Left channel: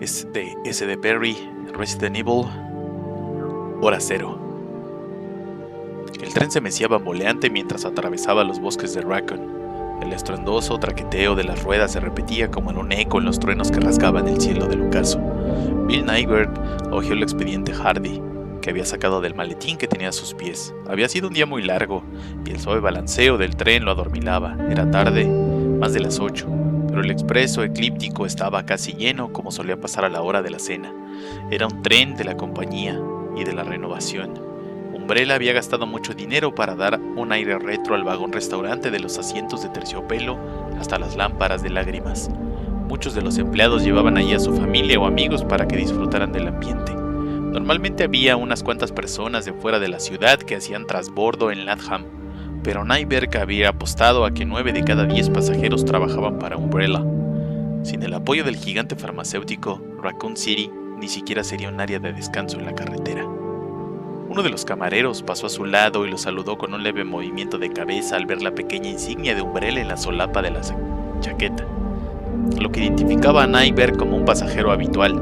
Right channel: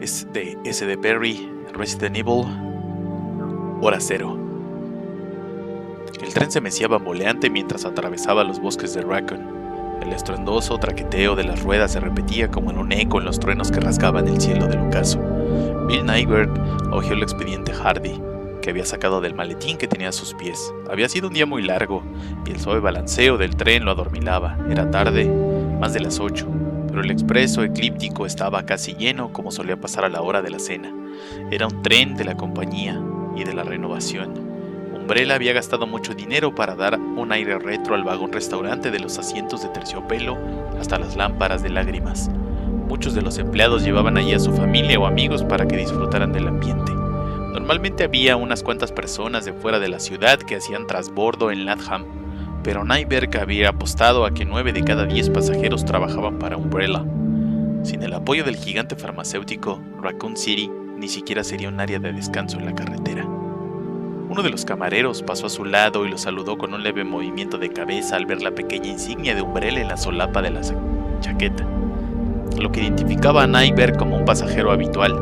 Es de S.D. Perry, Resident Evil, Hora Cero. El tren se mecía bamboleante mientras atravesaba los bosques de Raccoon. El estruendoso traqueteo de las ruedas se repetía como en un eco en los truenos que rasgaban el cielo del ocaso. Bill Nyberg hojeó el expediente Hardy, que había sacado del maletín que tenía a sus pies. Había sido un día muy largo, y el suave balanceo del tren lo adormilaba. Era tarde, más de las 8, pero el expreso eclíptico estaba casi lleno, como solía pasar a la hora de la cena. Era un tren de la compañía y de la renovación. Umbrella había gastado mucho dinero para dar un aire retro al vagón restaurante, de los asientos de terciopelo hasta las lámparas de lágrimas. Muchos de los empleados llevaban allí a su familia o amigos para que disfrutaran del ambiente. Normalmente había unas cuantas personas de fuera de la ciudad que hacían trasbordo en Latham, pero Nyberg había apostado a que 9 de cada 10 pasajeros trabajaban para Umbrella. Sin el apoyo del gigante farmacéutico, Raccoon City ni siquiera sería un área de descanso en la carretera. Uno de los camareros pasó a su lado y lo saludó con un leve movimiento de cabeza al ver la pequeña insignia de Umbrella en la solapa de la chaqueta, lo que identificaba a Nyberg como un pasajero habitual.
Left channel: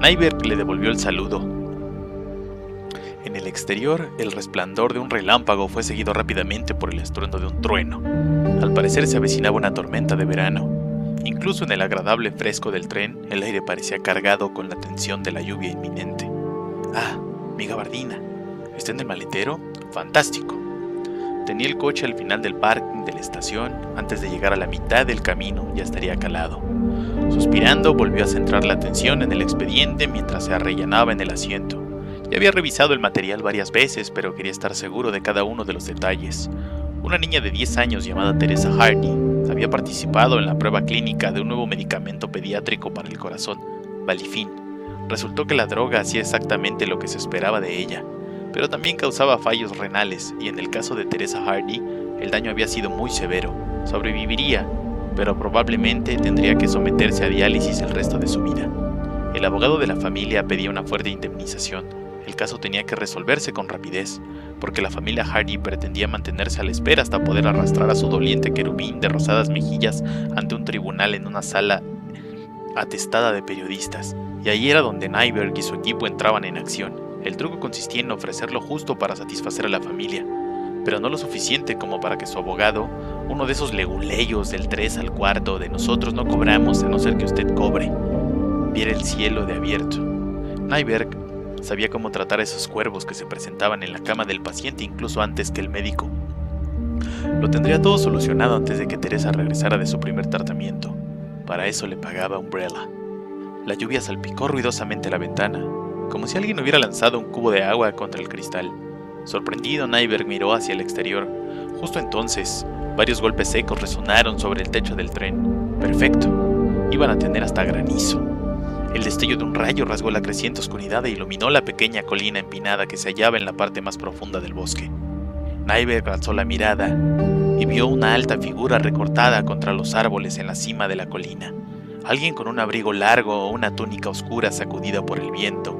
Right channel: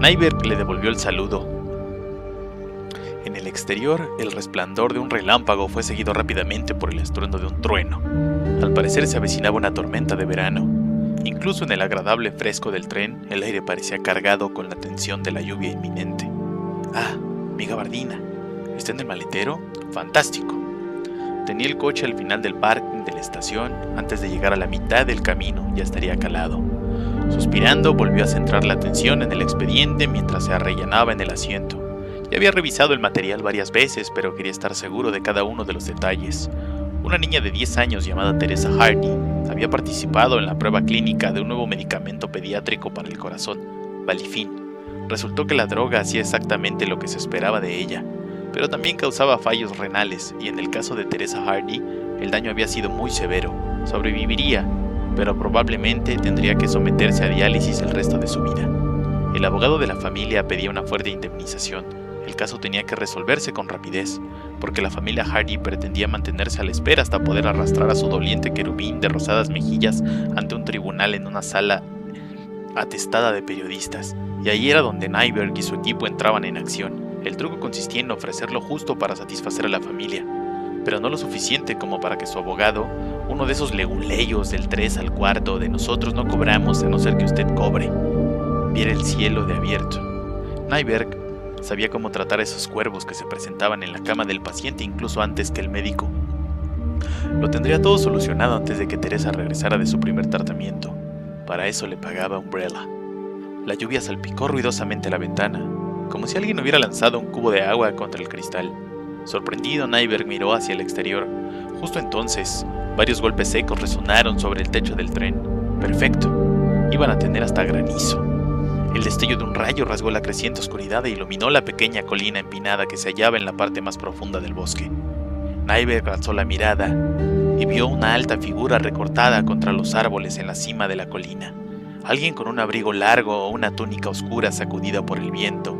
Nyberg le devolvió el saludo. En el exterior, el resplandor de un relámpago fue seguido rápidamente por el estruendo de un trueno. Al parecer se avecinaba una tormenta de verano. Incluso en el agradable fresco del tren, el aire parecía cargado con la tensión de la lluvia inminente. «Ah, mi gabardina. ¿Está en el maletero? ¡Fantástico!». Tenía el coche al final del parking de la estación. Antes de llegar a la mitad del camino ya estaría calado. Suspirando, volvió a centrar la atención en el expediente mientras se arrellanaba en el asiento. Ya había revisado el material varias veces, pero quería estar seguro de cada uno de los detalles. Una niña de 10 años llamada Teresa Hardy había participado en la prueba clínica de un nuevo medicamento pediátrico para el corazón, Valifin. Resultó que la droga hacía exactamente lo que se esperaba de ella, pero también causaba fallos renales, y en el caso de Teresa Hardy, el daño había sido muy severo. Sobreviviría, pero probablemente tendría que someterse a diálisis el resto de su vida. El abogado de la familia pedía una fuerte indemnización. El caso tenía que resolverse con rapidez, porque la familia Hardy pretendía mantenerse a la espera hasta poder arrastrar a su doliente querubín de rosadas mejillas ante un tribunal en una sala atestada de periodistas, y ahí era donde Nyberg y su equipo entraban en acción. El truco consistía en ofrecer lo justo para satisfacer a la familia, pero no lo suficiente como para que su abogado, uno de esos leguleyos del 3 al cuarto de nosotros no cobramos a no ser que usted cobre, viera el cielo de abierto. Nyberg sabía cómo tratar a esos cuervos que se presentaban en la cama del paciente incluso antes que el médico. Lo tendría todo solucionado antes de que Teresa regresara de su primer tratamiento. Para eso le pagaba Umbrella. La lluvia salpicó ruidosamente la ventana, como si alguien hubiera lanzado un cubo de agua contra el cristal. Sorprendido, Nyberg miró hacia el exterior. Justo entonces, varios golpes secos resonaron sobre el techo del tren. Perfecto. Iban a tener hasta granizo. El destello de un rayo rasgó la creciente oscuridad e iluminó la pequeña colina empinada que se hallaba en la parte más profunda del bosque. Nyberg alzó la mirada y vio una alta figura recortada contra los árboles en la cima de la colina. Alguien con un abrigo largo o una túnica oscura sacudida por el viento.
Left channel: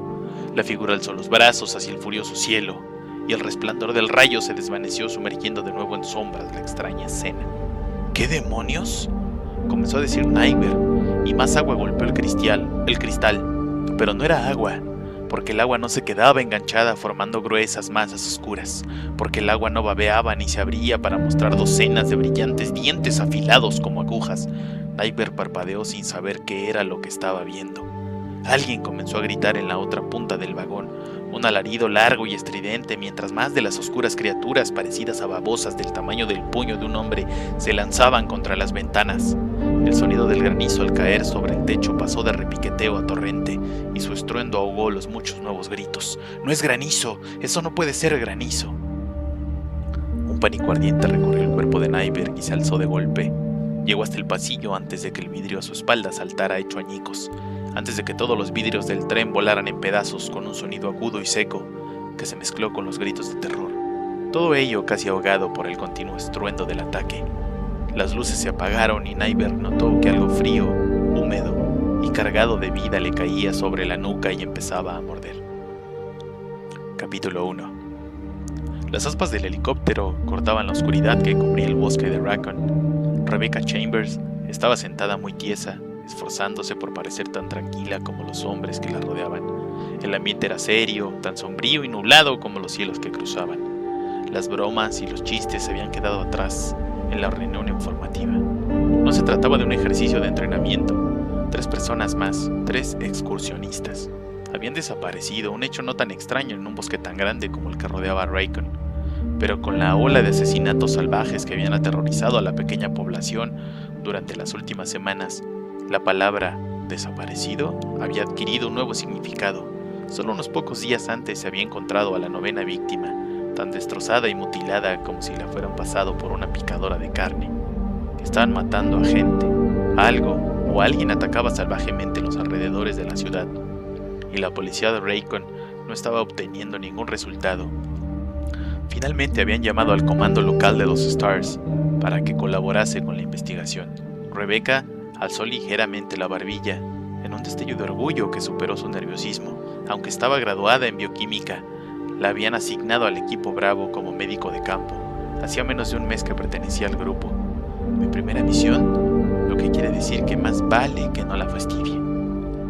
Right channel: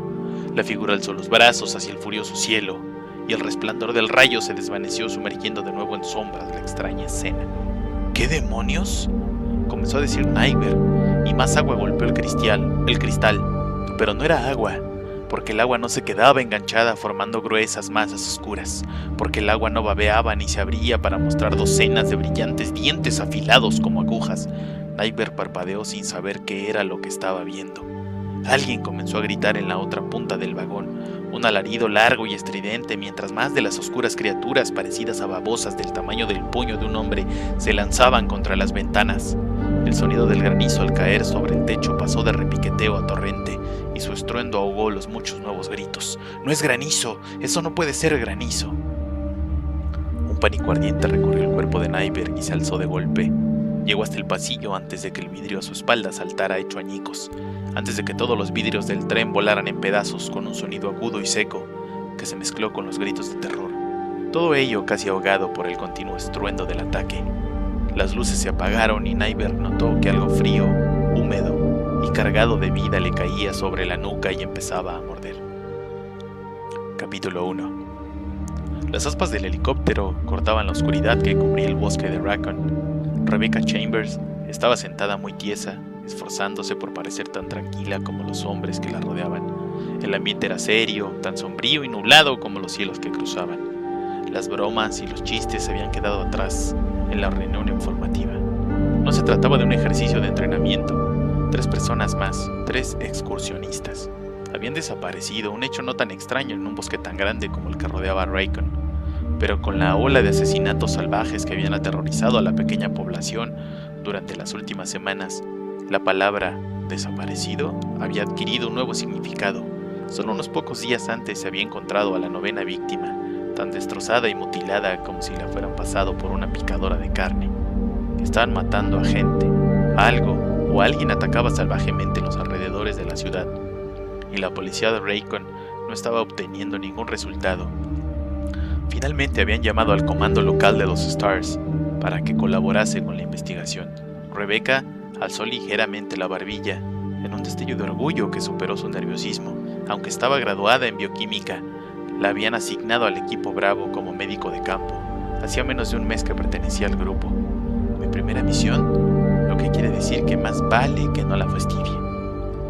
La figura alzó los brazos hacia el furioso cielo, y el resplandor del rayo se desvaneció sumergiendo de nuevo en sombras la extraña escena. ¿Qué demonios?, comenzó a decir Nyberg, y más agua golpeó el cristal, pero no era agua, porque el agua no se quedaba enganchada formando gruesas masas oscuras, porque el agua no babeaba ni se abría para mostrar docenas de brillantes dientes afilados como agujas. Nyberg parpadeó sin saber qué era lo que estaba viendo. Alguien comenzó a gritar en la otra punta del vagón, un alarido largo y estridente, mientras más de las oscuras criaturas parecidas a babosas del tamaño del puño de un hombre se lanzaban contra las ventanas. El sonido del granizo al caer sobre el techo pasó de repiqueteo a torrente, y su estruendo ahogó los muchos nuevos gritos. «¡No es granizo! ¡Eso no puede ser granizo!». Un pánico ardiente recorrió el cuerpo de Nyberg y se alzó de golpe. Llegó hasta el pasillo antes de que el vidrio a su espalda saltara hecho añicos, antes de que todos los vidrios del tren volaran en pedazos con un sonido agudo y seco que se mezcló con los gritos de terror. Todo ello casi ahogado por el continuo estruendo del ataque. Las luces se apagaron y Nyberg notó que algo frío, húmedo y cargado de vida le caía sobre la nuca y empezaba a morder. Capítulo 1. Las aspas del helicóptero cortaban la oscuridad que cubría el bosque de Raccoon. Rebecca Chambers estaba sentada muy tiesa esforzándose por parecer tan tranquila como los hombres que la rodeaban. El ambiente era serio, tan sombrío y nublado como los cielos que cruzaban. Las bromas y los chistes se habían quedado atrás en la reunión informativa. No se trataba de un ejercicio de entrenamiento. 3 personas más, 3 excursionistas, habían desaparecido, un hecho no tan extraño en un bosque tan grande como el que rodeaba a Raccoon. Pero con la ola de asesinatos salvajes que habían aterrorizado a la pequeña población durante las últimas semanas, la palabra desaparecido había adquirido un nuevo significado. Solo unos pocos días antes se había encontrado a la 9ª víctima, tan destrozada y mutilada como si la fueran pasado por una picadora de carne. Estaban matando a gente, algo o alguien atacaba salvajemente en los alrededores de la ciudad, y la policía de Raccoon no estaba obteniendo ningún resultado. Finalmente habían llamado al comando local de los Stars para que colaborase con la investigación. Rebecca alzó ligeramente la barbilla en un destello de orgullo que superó su nerviosismo. Aunque estaba graduada en bioquímica, la habían asignado al equipo Bravo como médico de campo. Hacía menos de un mes que pertenecía al grupo. Mi primera misión, lo que quiere decir que más vale que no la fastidie.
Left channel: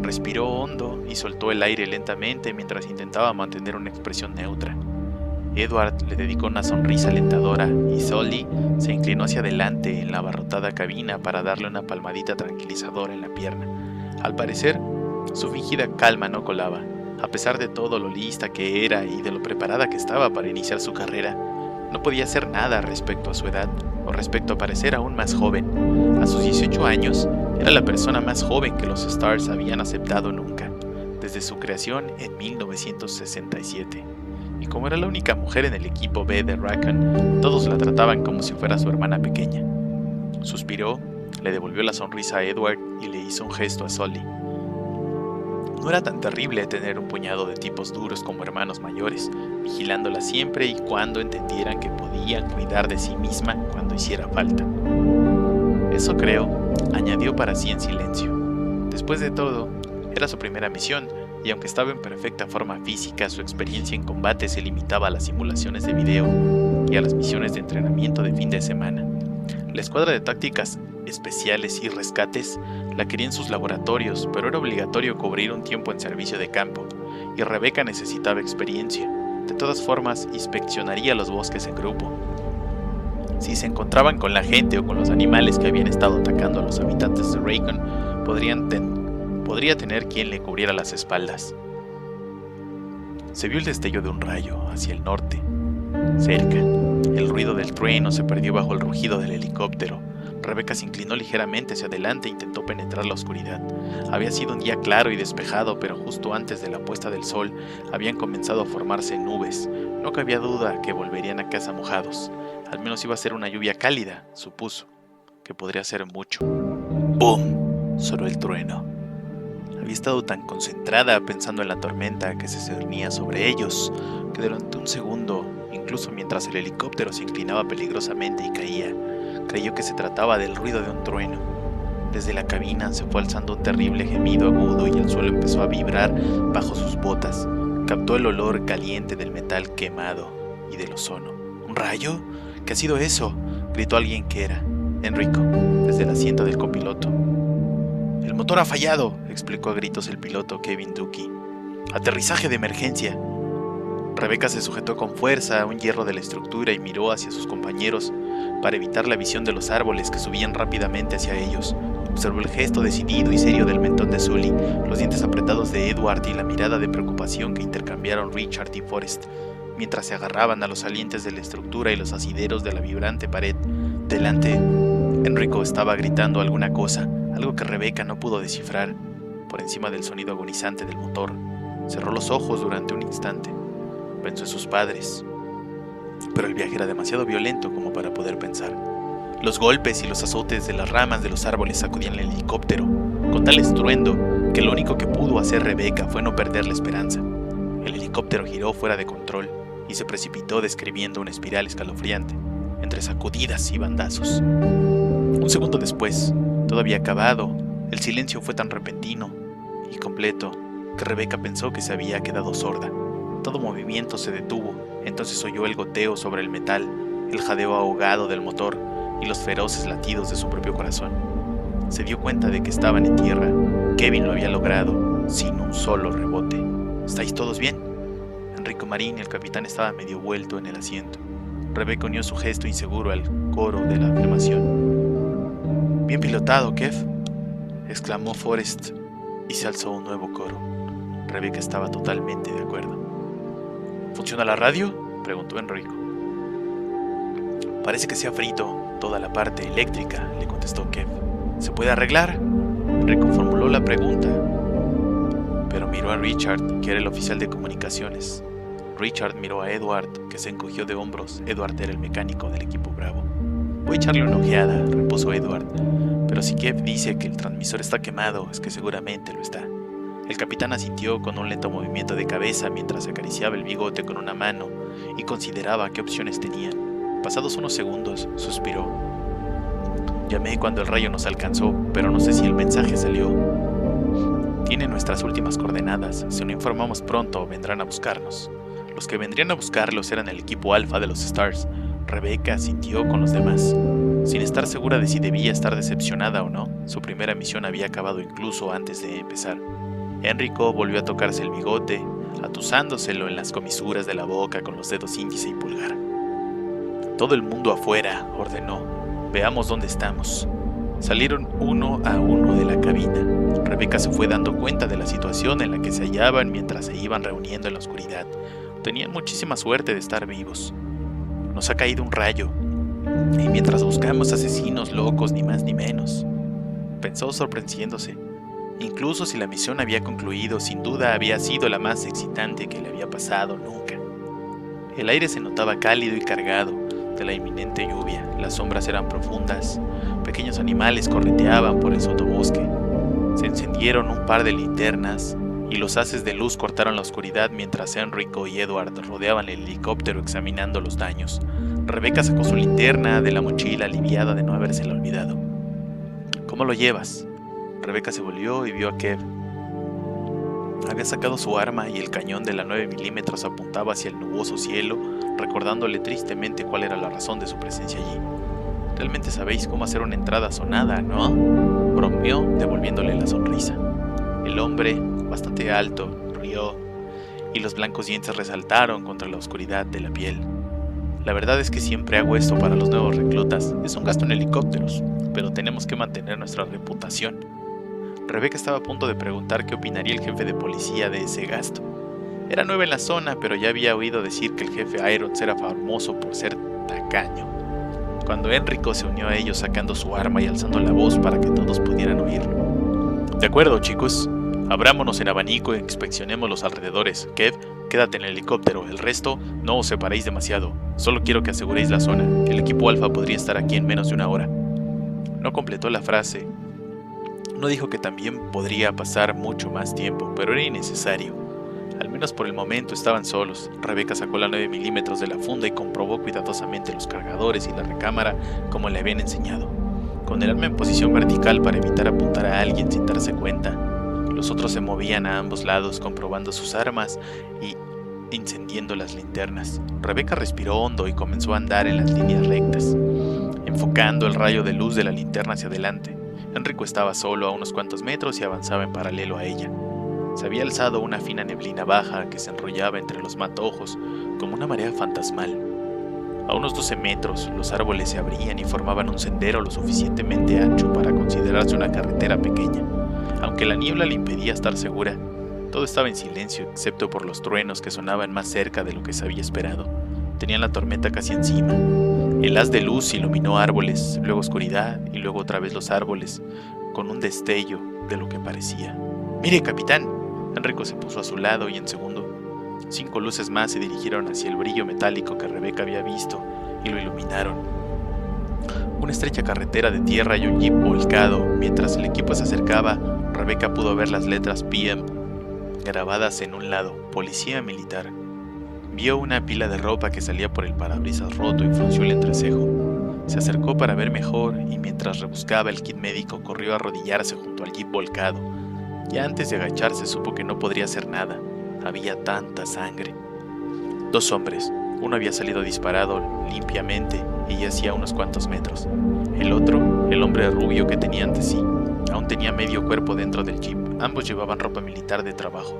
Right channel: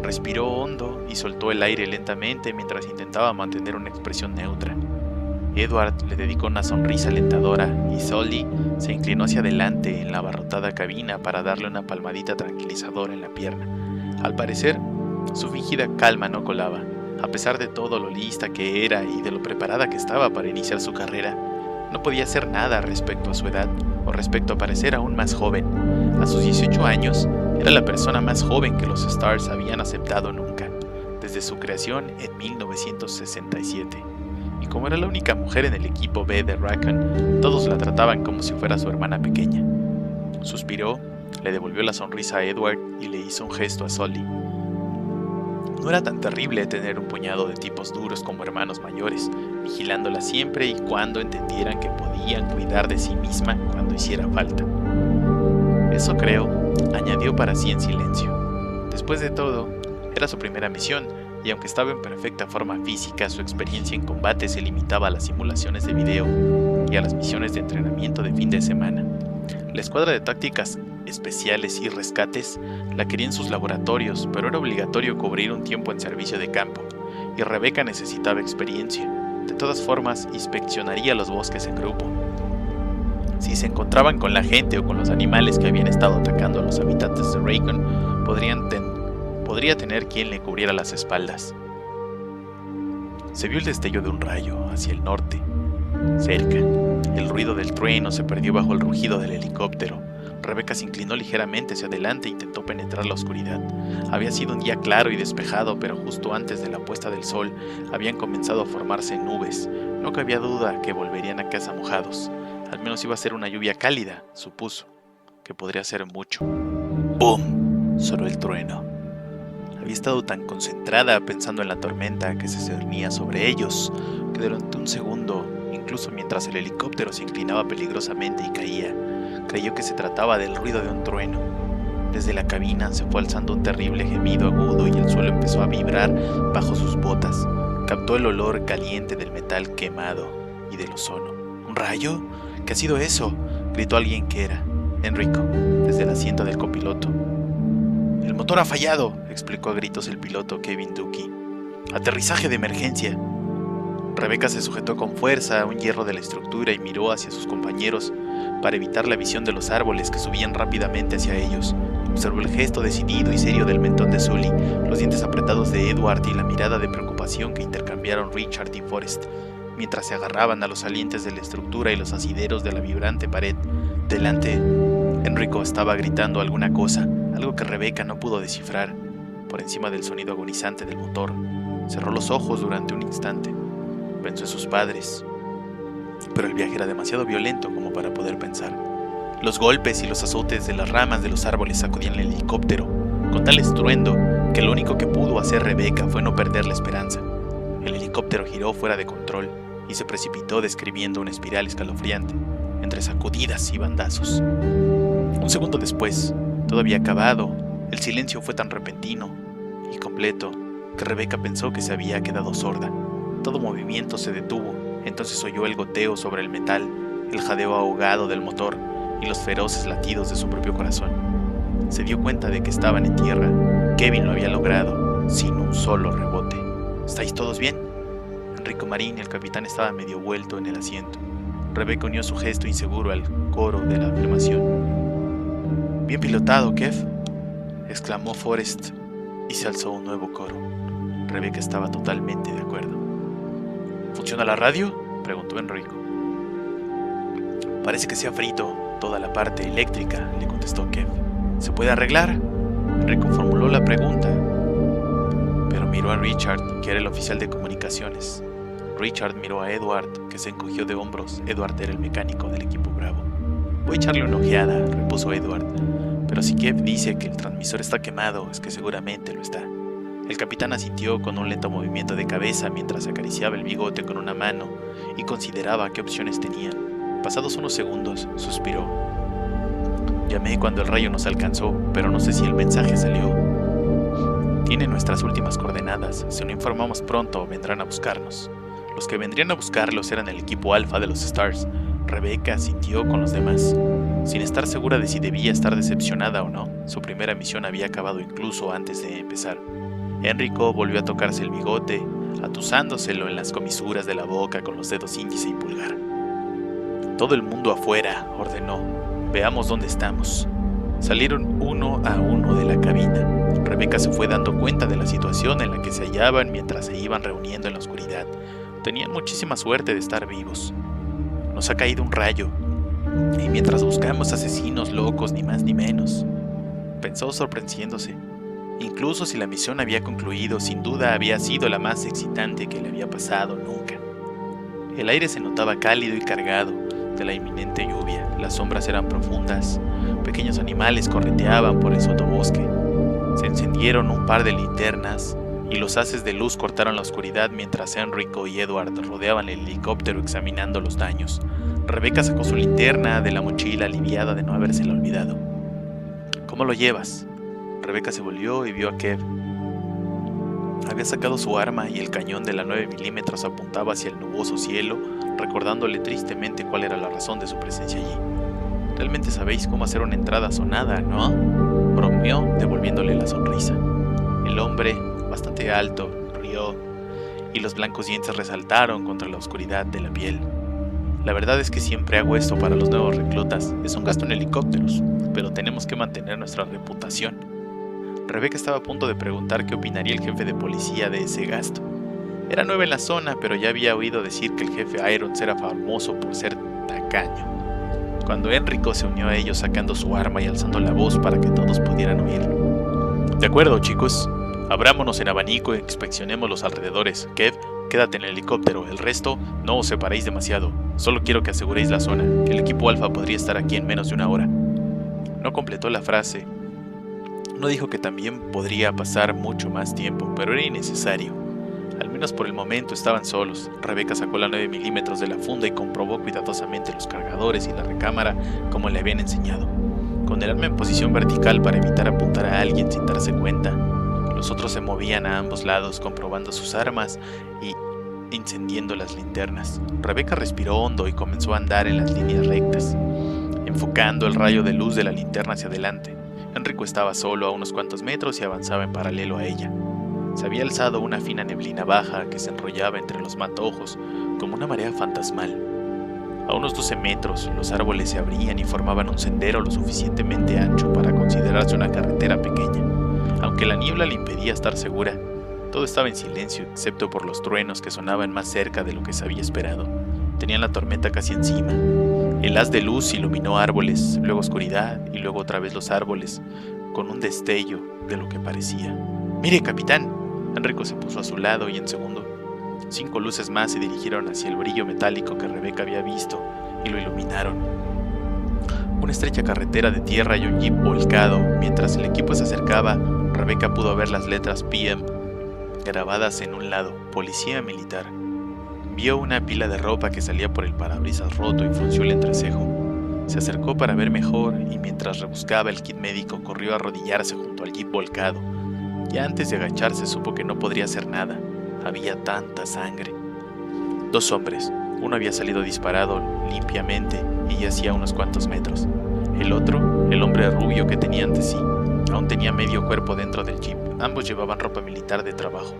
Respiró hondo y soltó el aire lentamente mientras intentaba mantener una expresión neutra. Edward le dedicó una sonrisa alentadora y Sully se inclinó hacia adelante en la abarrotada cabina para darle una palmadita tranquilizadora en la pierna. Al parecer, su fingida calma no colaba. A pesar de todo lo lista que era y de lo preparada que estaba para iniciar su carrera, no podía hacer nada respecto a su edad o respecto a parecer aún más joven. A sus 18 años, era la persona más joven que los Stars habían aceptado nunca, desde su creación en 1967. Y como era la única mujer en el equipo B de Raccoon, todos la trataban como si fuera su hermana pequeña. Suspiró, le devolvió la sonrisa a Edward y le hizo un gesto a Sully. No era tan terrible tener un puñado de tipos duros como hermanos mayores, vigilándola siempre y cuando entendieran que podían cuidar de sí misma cuando hiciera falta. Eso creo, añadió para sí en silencio. Después de todo, era su primera misión, y aunque estaba en perfecta forma física, su experiencia en combate se limitaba a las simulaciones de video y a las misiones de entrenamiento de fin de semana. La escuadra de tácticas especiales y rescates la quería en sus laboratorios, pero era obligatorio cubrir un tiempo en servicio de campo, y Rebecca necesitaba experiencia. De todas formas, inspeccionaría los bosques en grupo. Si se encontraban con la gente o con los animales que habían estado atacando a los habitantes de Raccoon, podría tener quien le cubriera las espaldas. Se vio el destello de un rayo hacia el norte. Cerca, el ruido del trueno se perdió bajo el rugido del helicóptero. Rebecca se inclinó ligeramente hacia adelante e intentó penetrar la oscuridad. Había sido un día claro y despejado, pero justo antes de la puesta del sol habían comenzado a formarse nubes. No cabía duda que volverían a casa mojados. Al menos iba a ser una lluvia cálida, supuso, que podría ser mucho. ¡Bum! Sonó el trueno. Había estado tan concentrada pensando en la tormenta que se cernía sobre ellos, que durante un segundo, incluso mientras el helicóptero se inclinaba peligrosamente y caía, creyó que se trataba del ruido de un trueno. Desde la cabina se fue alzando un terrible gemido agudo y el suelo empezó a vibrar bajo sus botas. Captó el olor caliente del metal quemado y del ozono. ¿Un rayo? ¿Qué ha sido eso?, gritó alguien que era Enrico, desde el asiento del copiloto. «El motor ha fallado», explicó a gritos el piloto Kevin Ducky. «Aterrizaje de emergencia». Rebecca se sujetó con fuerza a un hierro de la estructura y miró hacia sus compañeros para evitar la visión de los árboles que subían rápidamente hacia ellos. Observó el gesto decidido y serio del mentón de Sully, los dientes apretados de Edward y la mirada de preocupación que intercambiaron Richard y Forrest, mientras se agarraban a los salientes de la estructura y los asideros de la vibrante pared. Delante, Enrico estaba gritando alguna cosa, algo que Rebecca no pudo descifrar, por encima del sonido agonizante del motor. Cerró los ojos durante un instante. Pensó en sus padres, pero el viaje era demasiado violento como para poder pensar. Los golpes y los azotes de las ramas de los árboles sacudían el helicóptero, con tal estruendo que lo único que pudo hacer Rebecca fue no perder la esperanza. El helicóptero giró fuera de control y se precipitó describiendo una espiral escalofriante, entre sacudidas y bandazos. Un segundo después, todo había acabado. El silencio fue tan repentino y completo que Rebecca pensó que se había quedado sorda. Todo movimiento se detuvo. Entonces oyó el goteo sobre el metal, el jadeo ahogado del motor y los feroces latidos de su propio corazón. Se dio cuenta de que estaban en tierra. Kevin lo había logrado sin un solo rebote. ¿Estáis todos bien? Enrico Marín, el capitán, estaba medio vuelto en el asiento. Rebecca unió su gesto inseguro al coro de la afirmación. Bien pilotado, Kev, exclamó Forrest y se alzó un nuevo coro. Rebecca estaba totalmente de acuerdo. ¿Funciona la radio?, preguntó Enrico. Parece que se ha frito toda la parte eléctrica, le contestó Kev. ¿Se puede arreglar? Enrico formuló la pregunta, pero miró a Richard, que era el oficial de comunicaciones. Richard miró a Edward, que se encogió de hombros. Edward era el mecánico del equipo Bravo. Voy a echarle una ojeada, repuso Edward. Pero si Kev dice que el transmisor está quemado, es que seguramente lo está. El capitán asintió con un lento movimiento de cabeza mientras acariciaba el bigote con una mano y consideraba qué opciones tenían. Pasados unos segundos, suspiró. Llamé cuando el rayo nos alcanzó, pero no sé si el mensaje salió. Tiene nuestras últimas coordenadas. Si no informamos pronto, vendrán a buscarnos. Los que vendrían a buscarlos eran el equipo Alpha de los Stars. Rebecca asintió con los demás. Sin estar segura de si debía estar decepcionada o no, su primera misión había acabado incluso antes de empezar. Enrico volvió a tocarse el bigote, atusándoselo en las comisuras de la boca con los dedos índice y pulgar. Todo el mundo afuera, ordenó. Veamos dónde estamos. Salieron uno a uno de la cabina. Rebecca se fue dando cuenta de la situación en la que se hallaban mientras se iban reuniendo en la oscuridad. Tenían muchísima suerte de estar vivos. Nos ha caído un rayo, y mientras buscamos asesinos locos, ni más ni menos, pensó sorprendiéndose. Incluso si la misión había concluido, sin duda había sido la más excitante que le había pasado nunca. El aire se notaba cálido y cargado de la inminente lluvia. Las sombras eran profundas. Pequeños animales correteaban por el sotobosque. Se encendieron un par de linternas y los haces de luz cortaron la oscuridad mientras Enrico y Edward rodeaban el helicóptero examinando los daños. Rebecca sacó su linterna de la mochila, aliviada de no habérsela olvidado. ¿Cómo lo llevas? Rebecca se volvió y vio a Kev. Había sacado su arma y el cañón de la 9 milímetros apuntaba hacia el nuboso cielo, recordándole tristemente cuál era la razón de su presencia allí. Realmente sabéis cómo hacer una entrada sonada, ¿no? Bromeó, devolviéndole la sonrisa. El hombre, bastante alto, rió, y los blancos dientes resaltaron contra la oscuridad de la piel. La verdad es que siempre hago esto para los nuevos reclutas. Es un gasto en helicópteros, pero tenemos que mantener nuestra reputación. Rebecca estaba a punto de preguntar qué opinaría el jefe de policía de ese gasto. Era nueva en la zona, pero ya había oído decir que el jefe Irons era famoso por ser tacaño. Cuando Enrico se unió a ellos sacando su arma y alzando la voz para que todos pudieran oírlo. De acuerdo, chicos. Abrámonos en abanico e inspeccionemos los alrededores. Kev, quédate en el helicóptero. El resto, no os separéis demasiado. Solo quiero que aseguréis la zona. El equipo Alpha podría estar aquí en menos de una hora. No completó la frase. No dijo que también podría pasar mucho más tiempo, pero era innecesario. Al menos por el momento estaban solos. Rebecca sacó la 9 milímetros de la funda y comprobó cuidadosamente los cargadores y la recámara como le habían enseñado. Con el arma en posición vertical para evitar apuntar a alguien sin darse cuenta, los otros se movían a ambos lados comprobando sus armas y encendiendo las linternas. Rebecca respiró hondo y comenzó a andar en las líneas rectas, enfocando el rayo de luz de la linterna hacia adelante. Enrico estaba solo a unos cuantos metros y avanzaba en paralelo a ella. Se había alzado una fina neblina baja que se enrollaba entre los matojos como una marea fantasmal. A unos 12 metros, los árboles se abrían y formaban un sendero lo suficientemente ancho para considerarse una carretera pequeña. Aunque la niebla le impedía estar segura, todo estaba en silencio excepto por los truenos que sonaban más cerca de lo que se había esperado. Tenían la tormenta casi encima. El haz de luz iluminó árboles, luego oscuridad y luego otra vez los árboles, con un destello de lo que parecía. «¡Mire, capitán!». Enrico se puso a su lado y en segundo, 5 luces más se dirigieron hacia el brillo metálico que Rebecca había visto y lo iluminaron. Una estrecha carretera de tierra y un jeep volcado. Mientras el equipo se acercaba, Rebecca pudo ver las letras PM grabadas en un lado, Policía Militar. Vio una pila de ropa que salía por el parabrisas roto y frunció el entrecejo. Se acercó para ver mejor y mientras rebuscaba el kit médico corrió a arrodillarse junto al jeep volcado. Ya antes de agacharse supo que no podría hacer nada. Había tanta sangre. 2 hombres. Uno había salido disparado limpiamente y yacía a unos cuantos metros. El otro, el hombre rubio que tenía ante sí, Aún tenía medio cuerpo dentro del jeep. Ambos llevaban ropa militar de trabajo.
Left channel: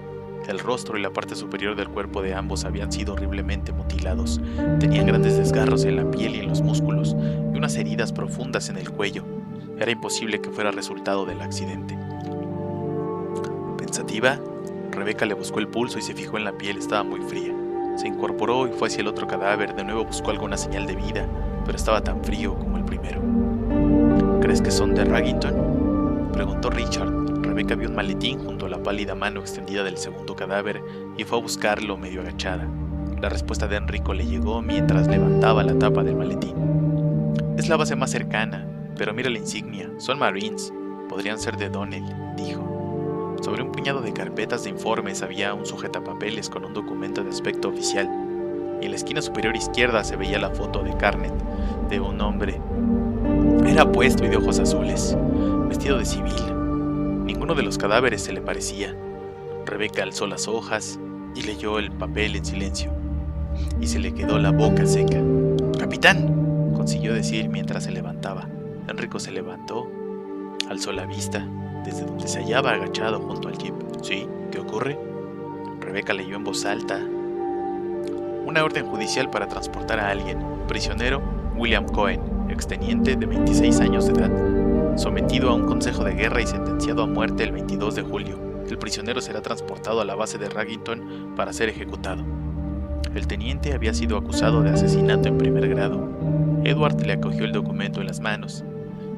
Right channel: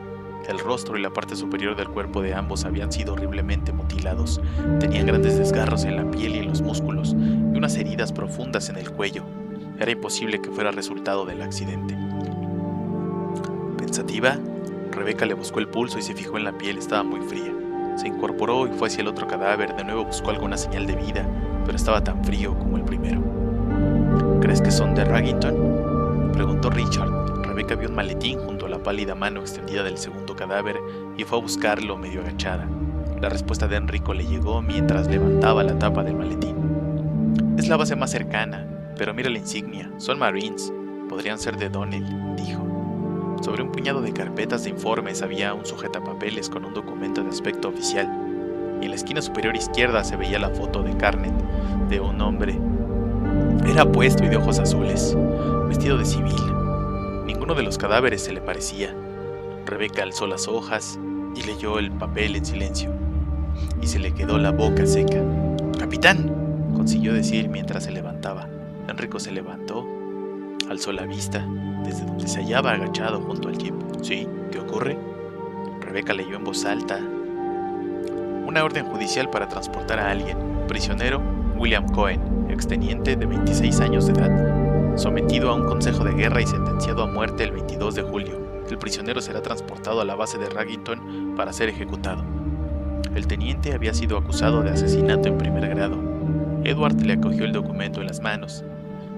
El rostro y la parte superior del cuerpo de ambos habían sido horriblemente mutilados. Tenían grandes desgarros en la piel y en los músculos, y unas heridas profundas en el cuello. Era imposible que fuera resultado del accidente. Pensativa, Rebecca le buscó el pulso y se fijó en la piel. Estaba muy fría. Se incorporó y fue hacia el otro cadáver. De nuevo buscó alguna señal de vida, pero estaba tan frío como el primero. ¿Crees que son de Raggington?, preguntó Richard. Rebecca vio un maletín junto a la pálida mano extendida del segundo cadáver y fue a buscarlo medio agachada. La respuesta de Enrico le llegó mientras levantaba la tapa del maletín. Es la base más cercana, pero mira la insignia. Son Marines. Podrían ser de Donnell, dijo. Sobre un puñado de carpetas de informes había un sujetapapeles con un documento de aspecto oficial, y en la esquina superior izquierda se veía la foto de Carnet, de un hombre. Era apuesto y de ojos azules, vestido de civil. Ninguno de los cadáveres se le parecía. Rebecca alzó las hojas y leyó el papel en silencio, y se le quedó la boca seca. «¡Capitán!», consiguió decir mientras se levantaba. Enrico se levantó, alzó la vista desde donde se hallaba agachado junto al jeep. «¿Sí? ¿Qué ocurre?». Rebecca leyó en voz alta. «Una orden judicial para transportar a alguien. Prisionero William Cohen, exteniente de 26 años de edad, sometido a un consejo de guerra y sentenciado a muerte el 22 de julio. El prisionero será transportado a la base de Raggington para ser ejecutado». El teniente había sido acusado de asesinato en primer grado. Edward le acogió el documento en las manos.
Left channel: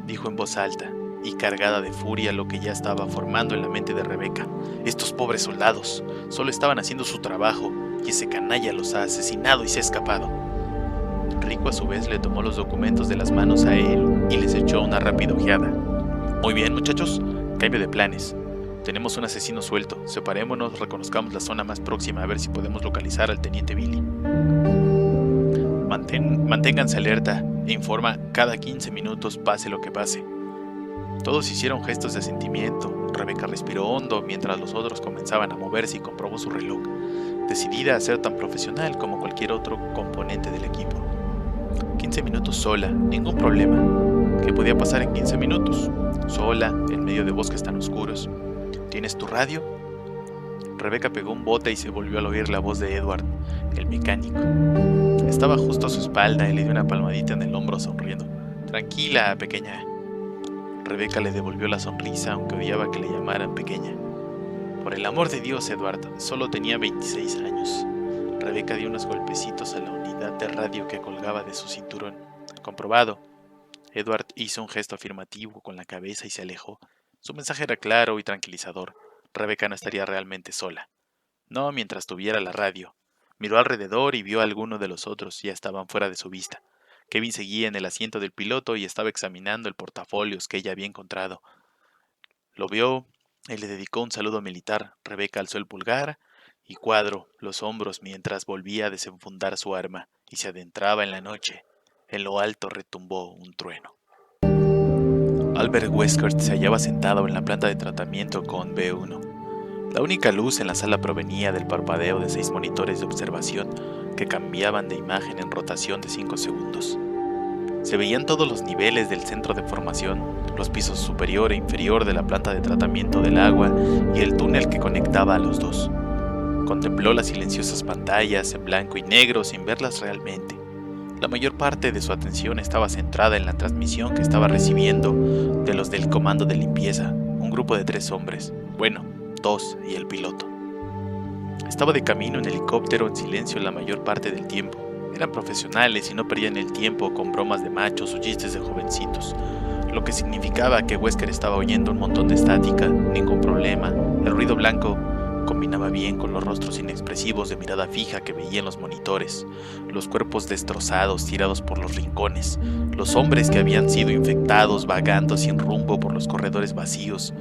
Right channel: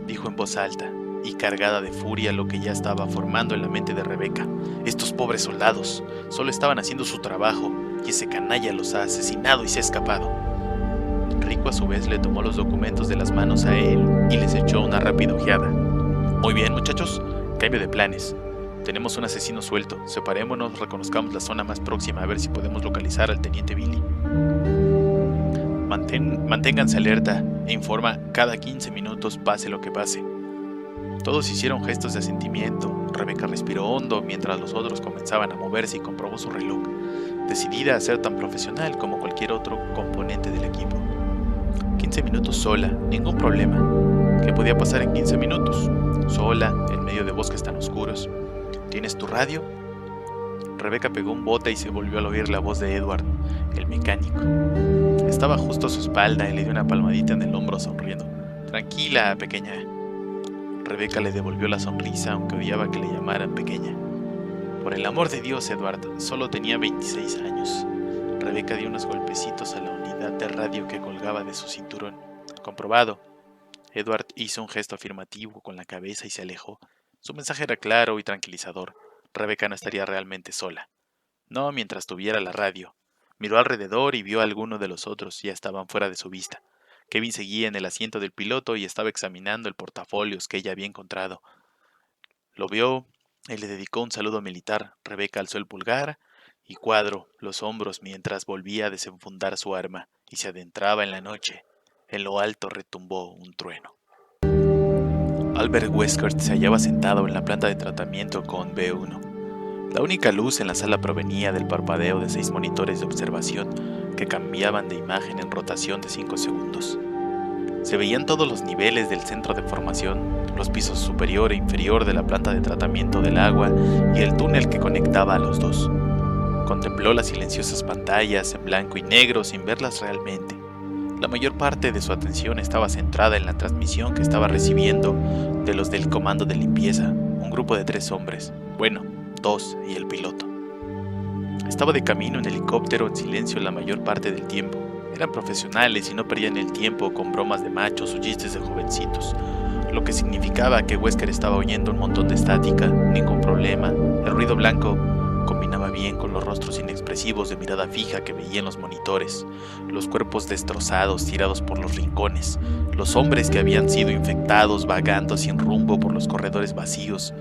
Dijo en voz alta y cargada de furia lo que ya estaba formando en la mente de Rebecca. «Estos pobres soldados solo estaban haciendo su trabajo y ese canalla los ha asesinado y se ha escapado». Enrico a su vez le tomó los documentos de las manos a él y les echó una rápida ojeada. «Muy bien, muchachos, cambio de planes. Tenemos un asesino suelto. Separémonos, reconozcamos la zona más próxima a ver si podemos localizar al teniente Billy. Manténganse alerta e informa cada 15 minutos, pase lo que pase». Todos hicieron gestos de asentimiento. Rebecca respiró hondo mientras los otros comenzaban a moverse y comprobó su reloj, decidida a ser tan profesional como cualquier otro componente del equipo. 15 minutos sola, ningún problema. ¿Qué podía pasar en 15 minutos? Sola, en medio de bosques tan oscuros. ¿Tienes tu radio? Rebecca pegó un bote y se volvió al oír la voz de Edward, el mecánico. Estaba justo a su espalda y le dio una palmadita en el hombro sonriendo. «Tranquila, pequeña». Rebecca le devolvió la sonrisa, aunque odiaba que le llamaran pequeña. «Por el amor de Dios, Edward, solo tenía 26 años». Rebecca dio unos golpecitos a la unidad de radio que colgaba de su cinturón. «Comprobado». Edward hizo un gesto afirmativo con la cabeza y se alejó. Su mensaje era claro y tranquilizador. Rebecca no estaría realmente sola. No mientras tuviera la radio. Miró alrededor y vio a alguno de los otros. Ya estaban fuera de su vista. Kevin seguía en el asiento del piloto y estaba examinando el portafolios que ella había encontrado. Lo vio y le dedicó un saludo militar. Rebecca alzó el pulgar y cuadró los hombros mientras volvía a desenfundar su arma y se adentraba en la noche. En lo alto retumbó un trueno. Albert Wesker se hallaba sentado en la planta de tratamiento con B1. La única luz en la sala provenía del parpadeo de 6 monitores de observación que cambiaban de imagen en rotación de 5 segundos. Se veían todos los niveles del centro de formación, los pisos superior e inferior de la planta de tratamiento del agua y el túnel que conectaba a los dos. Contempló las silenciosas pantallas en blanco y negro sin verlas realmente. La mayor parte de su atención estaba centrada en la transmisión que estaba recibiendo de los del comando de limpieza, un grupo de 3 hombres, bueno, 2 y el piloto. Estaba de camino en helicóptero en silencio la mayor parte del tiempo. Eran profesionales y no perdían el tiempo con bromas de machos o chistes de jovencitos, lo que significaba que Wesker estaba oyendo un montón de estática, ningún problema. El ruido blanco combinaba bien con los rostros inexpresivos de mirada fija que veía en los monitores, los cuerpos destrozados tirados por los rincones, los hombres que habían sido infectados vagando sin rumbo por los corredores vacíos,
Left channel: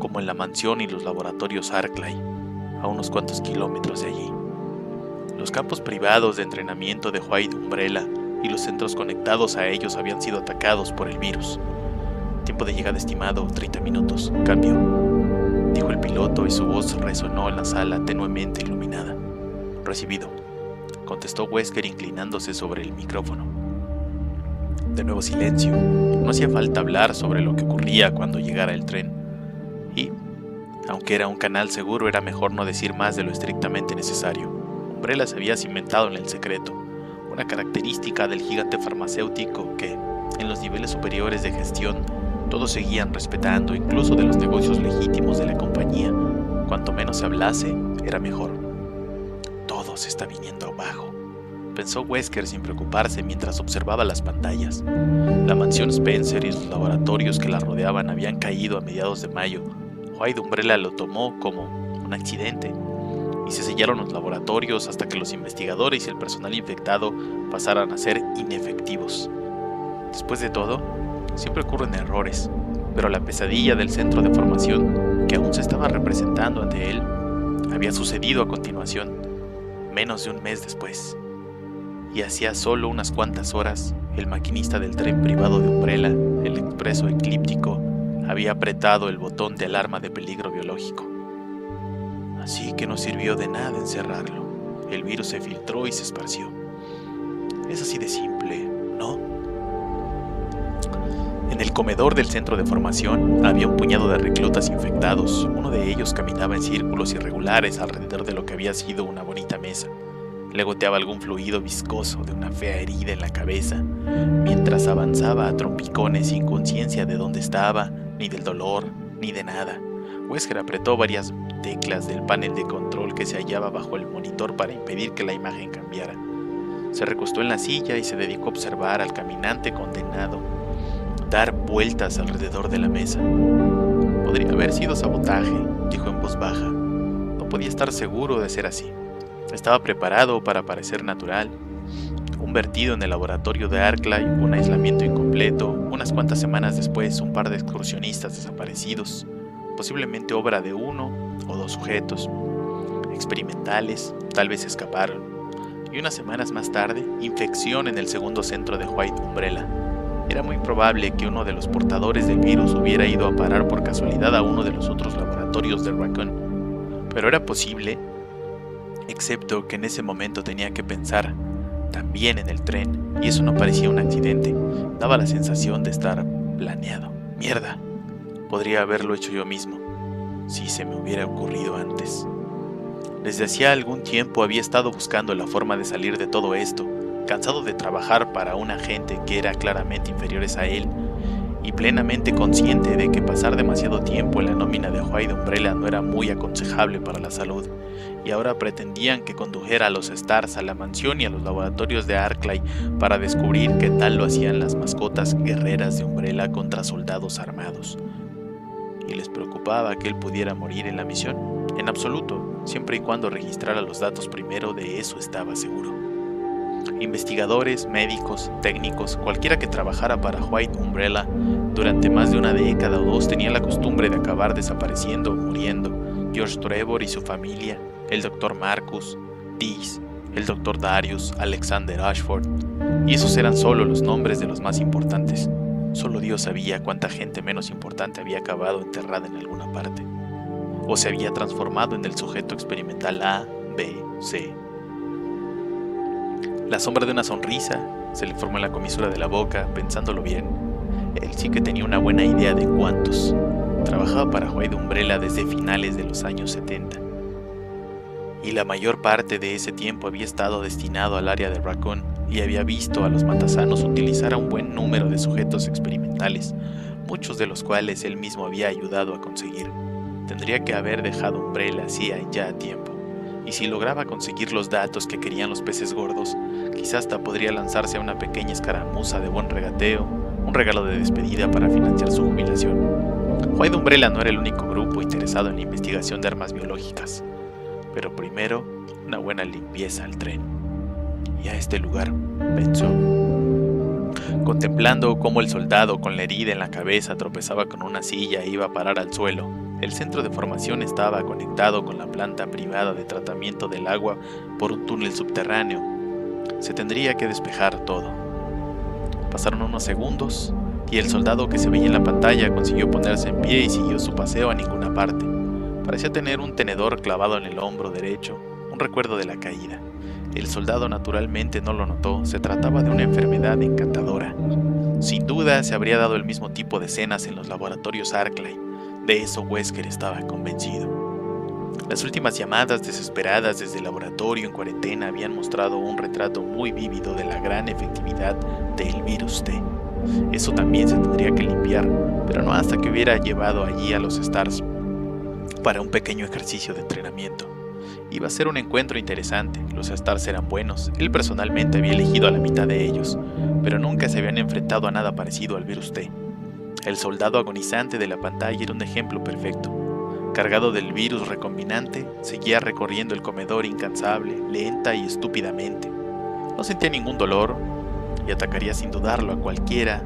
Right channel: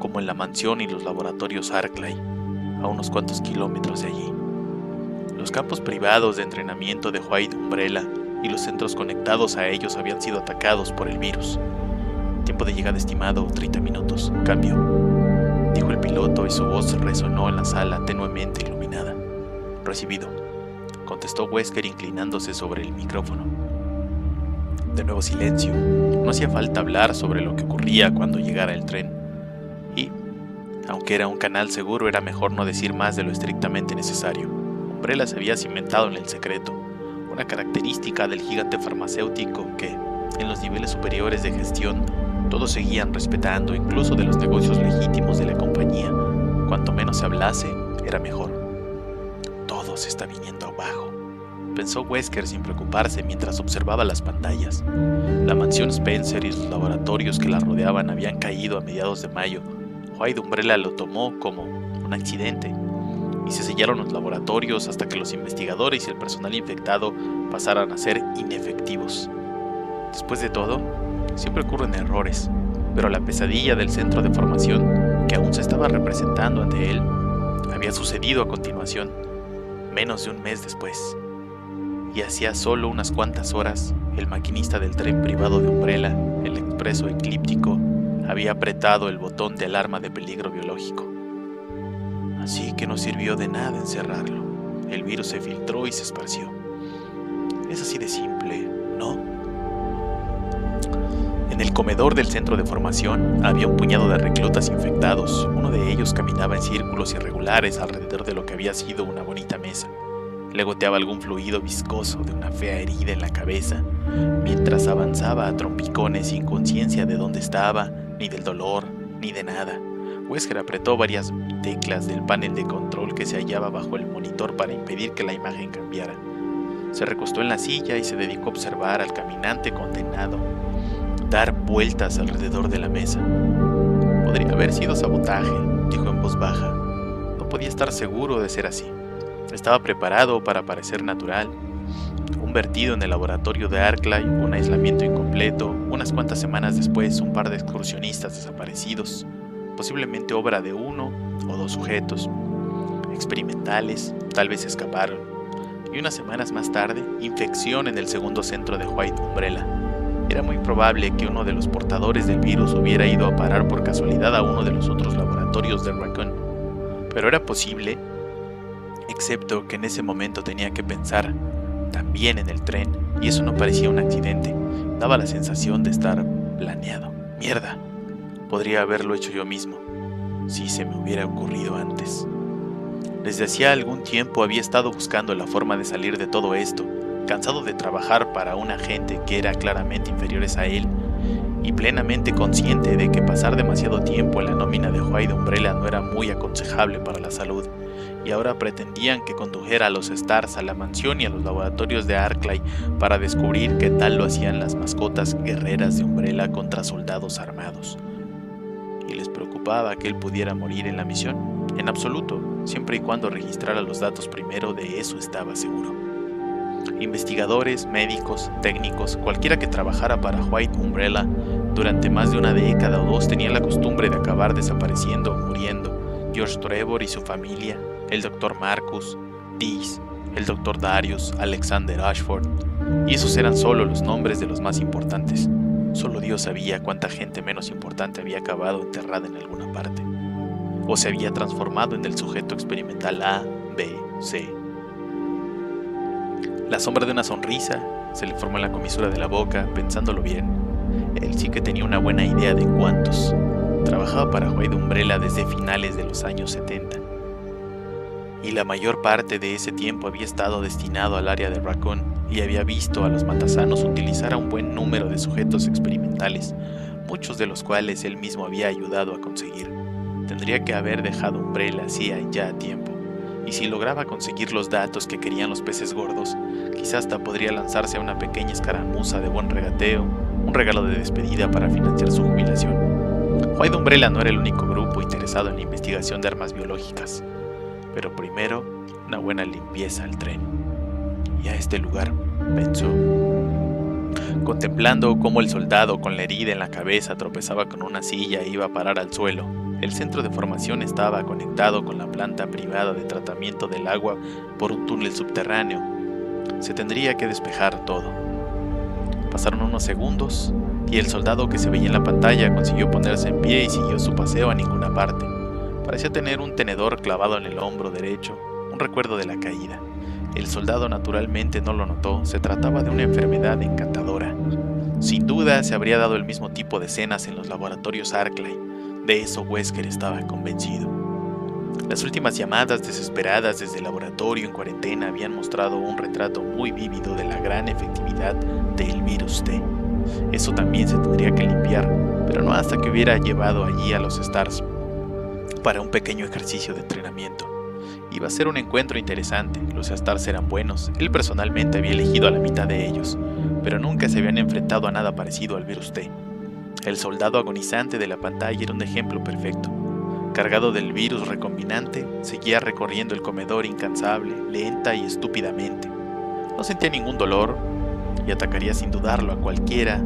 como en la mansión y los laboratorios Arclay, a unos cuantos kilómetros de allí. Los campos privados de entrenamiento de White Umbrella y los centros conectados a ellos habían sido atacados por el virus. Tiempo de llegada estimado, 30 minutos. Cambio, dijo el piloto y su voz resonó en la sala tenuemente iluminada. Recibido, contestó Wesker inclinándose sobre el micrófono. De nuevo silencio. No hacía falta hablar sobre lo que ocurría cuando llegara el tren. Y, aunque era un canal seguro, era mejor no decir más de lo estrictamente necesario. Umbrella se había cimentado en el secreto, una característica del gigante farmacéutico que, en los niveles superiores de gestión, todos seguían respetando, incluso de los negocios legítimos de la compañía. Cuanto menos se hablase, era mejor. Todo se está viniendo abajo, pensó Wesker sin preocuparse mientras observaba las pantallas. La mansión Spencer y los laboratorios que la rodeaban habían caído a mediados de mayo. White Umbrella lo tomó como un accidente, y se sellaron los laboratorios hasta que los investigadores y el personal infectado pasaran a ser inefectivos. Después de todo, siempre ocurren errores, pero la pesadilla del centro de formación, que aún se estaba representando ante él, había sucedido a continuación, menos de un mes después. Y hacía solo unas cuantas horas, el maquinista del tren privado de Umbrella, el expreso eclíptico, había apretado el botón de alarma de peligro biológico. Así que no sirvió de nada encerrarlo. El virus se filtró y se esparció. Es así de simple, ¿no? En el comedor del centro de formación había un puñado de reclutas infectados. Uno de ellos caminaba en círculos irregulares alrededor de lo que había sido una bonita mesa. Le goteaba algún fluido viscoso de una fea herida en la cabeza, mientras avanzaba a trompicones sin conciencia de dónde estaba, ni del dolor, ni de nada. Wesker apretó varias teclas del panel de control que se hallaba bajo el monitor para impedir que la imagen cambiara. Se recostó en la silla y se dedicó a observar al caminante condenado dar vueltas alrededor de la mesa. Podría haber sido sabotaje, dijo en voz baja. No podía estar seguro de ser así. Estaba preparado para parecer natural. Un vertido en el laboratorio de Arclay, un aislamiento incompleto, unas cuantas semanas después un par de excursionistas desaparecidos, posiblemente obra de uno o dos sujetos experimentales, tal vez escaparon, y unas semanas más tarde, infección en el segundo centro de White Umbrella. Era muy probable que uno de los portadores del virus hubiera ido a parar por casualidad a uno de los otros laboratorios de Raccoon, pero era posible, excepto que en ese momento tenía que pensar también en el tren, y eso no parecía un accidente, daba la sensación de estar planeado. ¡Mierda! Podría haberlo hecho yo mismo, si se me hubiera ocurrido antes. Desde hacía algún tiempo había estado buscando la forma de salir de todo esto, cansado de trabajar para una gente que era claramente inferiores a él, y plenamente consciente de que pasar demasiado tiempo en la nómina de White Umbrella no era muy aconsejable para la salud, y ahora pretendían que condujera a los Stars a la mansión y a los laboratorios de Arclay para descubrir qué tal lo hacían las mascotas guerreras de Umbrella contra soldados armados. ¿Y les preocupaba que él pudiera morir en la misión? En absoluto, siempre y cuando registrara los datos primero, de eso estaba seguro. Investigadores, médicos, técnicos, cualquiera que trabajara para White Umbrella durante más de una década o dos tenía la costumbre de acabar desapareciendo o muriendo. George Trevor y su familia, el Dr. Marcus, Dees, el Dr. Darius, Alexander Ashford, y esos eran solo los nombres de los más importantes. Solo Dios sabía cuánta gente menos importante había acabado enterrada en alguna parte, o se había transformado en el sujeto experimental A, B, C. La sombra de una sonrisa se le formó en la comisura de la boca, pensándolo bien. Él sí que tenía una buena idea de cuántos. Trabajaba para White Umbrella desde finales de los años 70. Y la mayor parte de ese tiempo había estado destinado al área de Raccoon y había visto a los matasanos utilizar a un buen número de sujetos experimentales, muchos de los cuales él mismo había ayudado a conseguir. Tendría que haber dejado Umbrella hacía ya tiempo. Y si lograba conseguir los datos que querían los peces gordos, quizás hasta podría lanzarse a una pequeña escaramuza de buen regateo, un regalo de despedida para financiar su jubilación. White Umbrella no era el único grupo interesado en la investigación de armas biológicas, pero primero una buena limpieza al tren. Y a este lugar, pensó, contemplando cómo el soldado con la herida en la cabeza tropezaba con una silla e iba a parar al suelo. El centro de formación estaba conectado con la planta privada de tratamiento del agua por un túnel subterráneo. Se tendría que despejar todo. Pasaron unos segundos y el soldado que se veía en la pantalla consiguió ponerse en pie y siguió su paseo a ninguna parte. Parecía tener un tenedor clavado en el hombro derecho, un recuerdo de la caída. El soldado naturalmente no lo notó, se trataba de una enfermedad encantadora. Sin duda se habría dado el mismo tipo de escenas en los laboratorios Arclay. De eso Wesker estaba convencido. Las últimas llamadas desesperadas desde el laboratorio en cuarentena habían mostrado un retrato muy vívido de la gran efectividad del virus T. Eso también se tendría que limpiar, pero no hasta que hubiera llevado allí a los Stars para un pequeño ejercicio de entrenamiento. Iba a ser un encuentro interesante, los Stars eran buenos, él personalmente había elegido a la mitad de ellos, pero nunca se habían enfrentado a nada parecido al virus T. El soldado agonizante de la pantalla era un ejemplo perfecto. Cargado del virus recombinante, seguía recorriendo el comedor incansable, lenta y estúpidamente. No sentía ningún dolor y atacaría sin dudarlo a cualquiera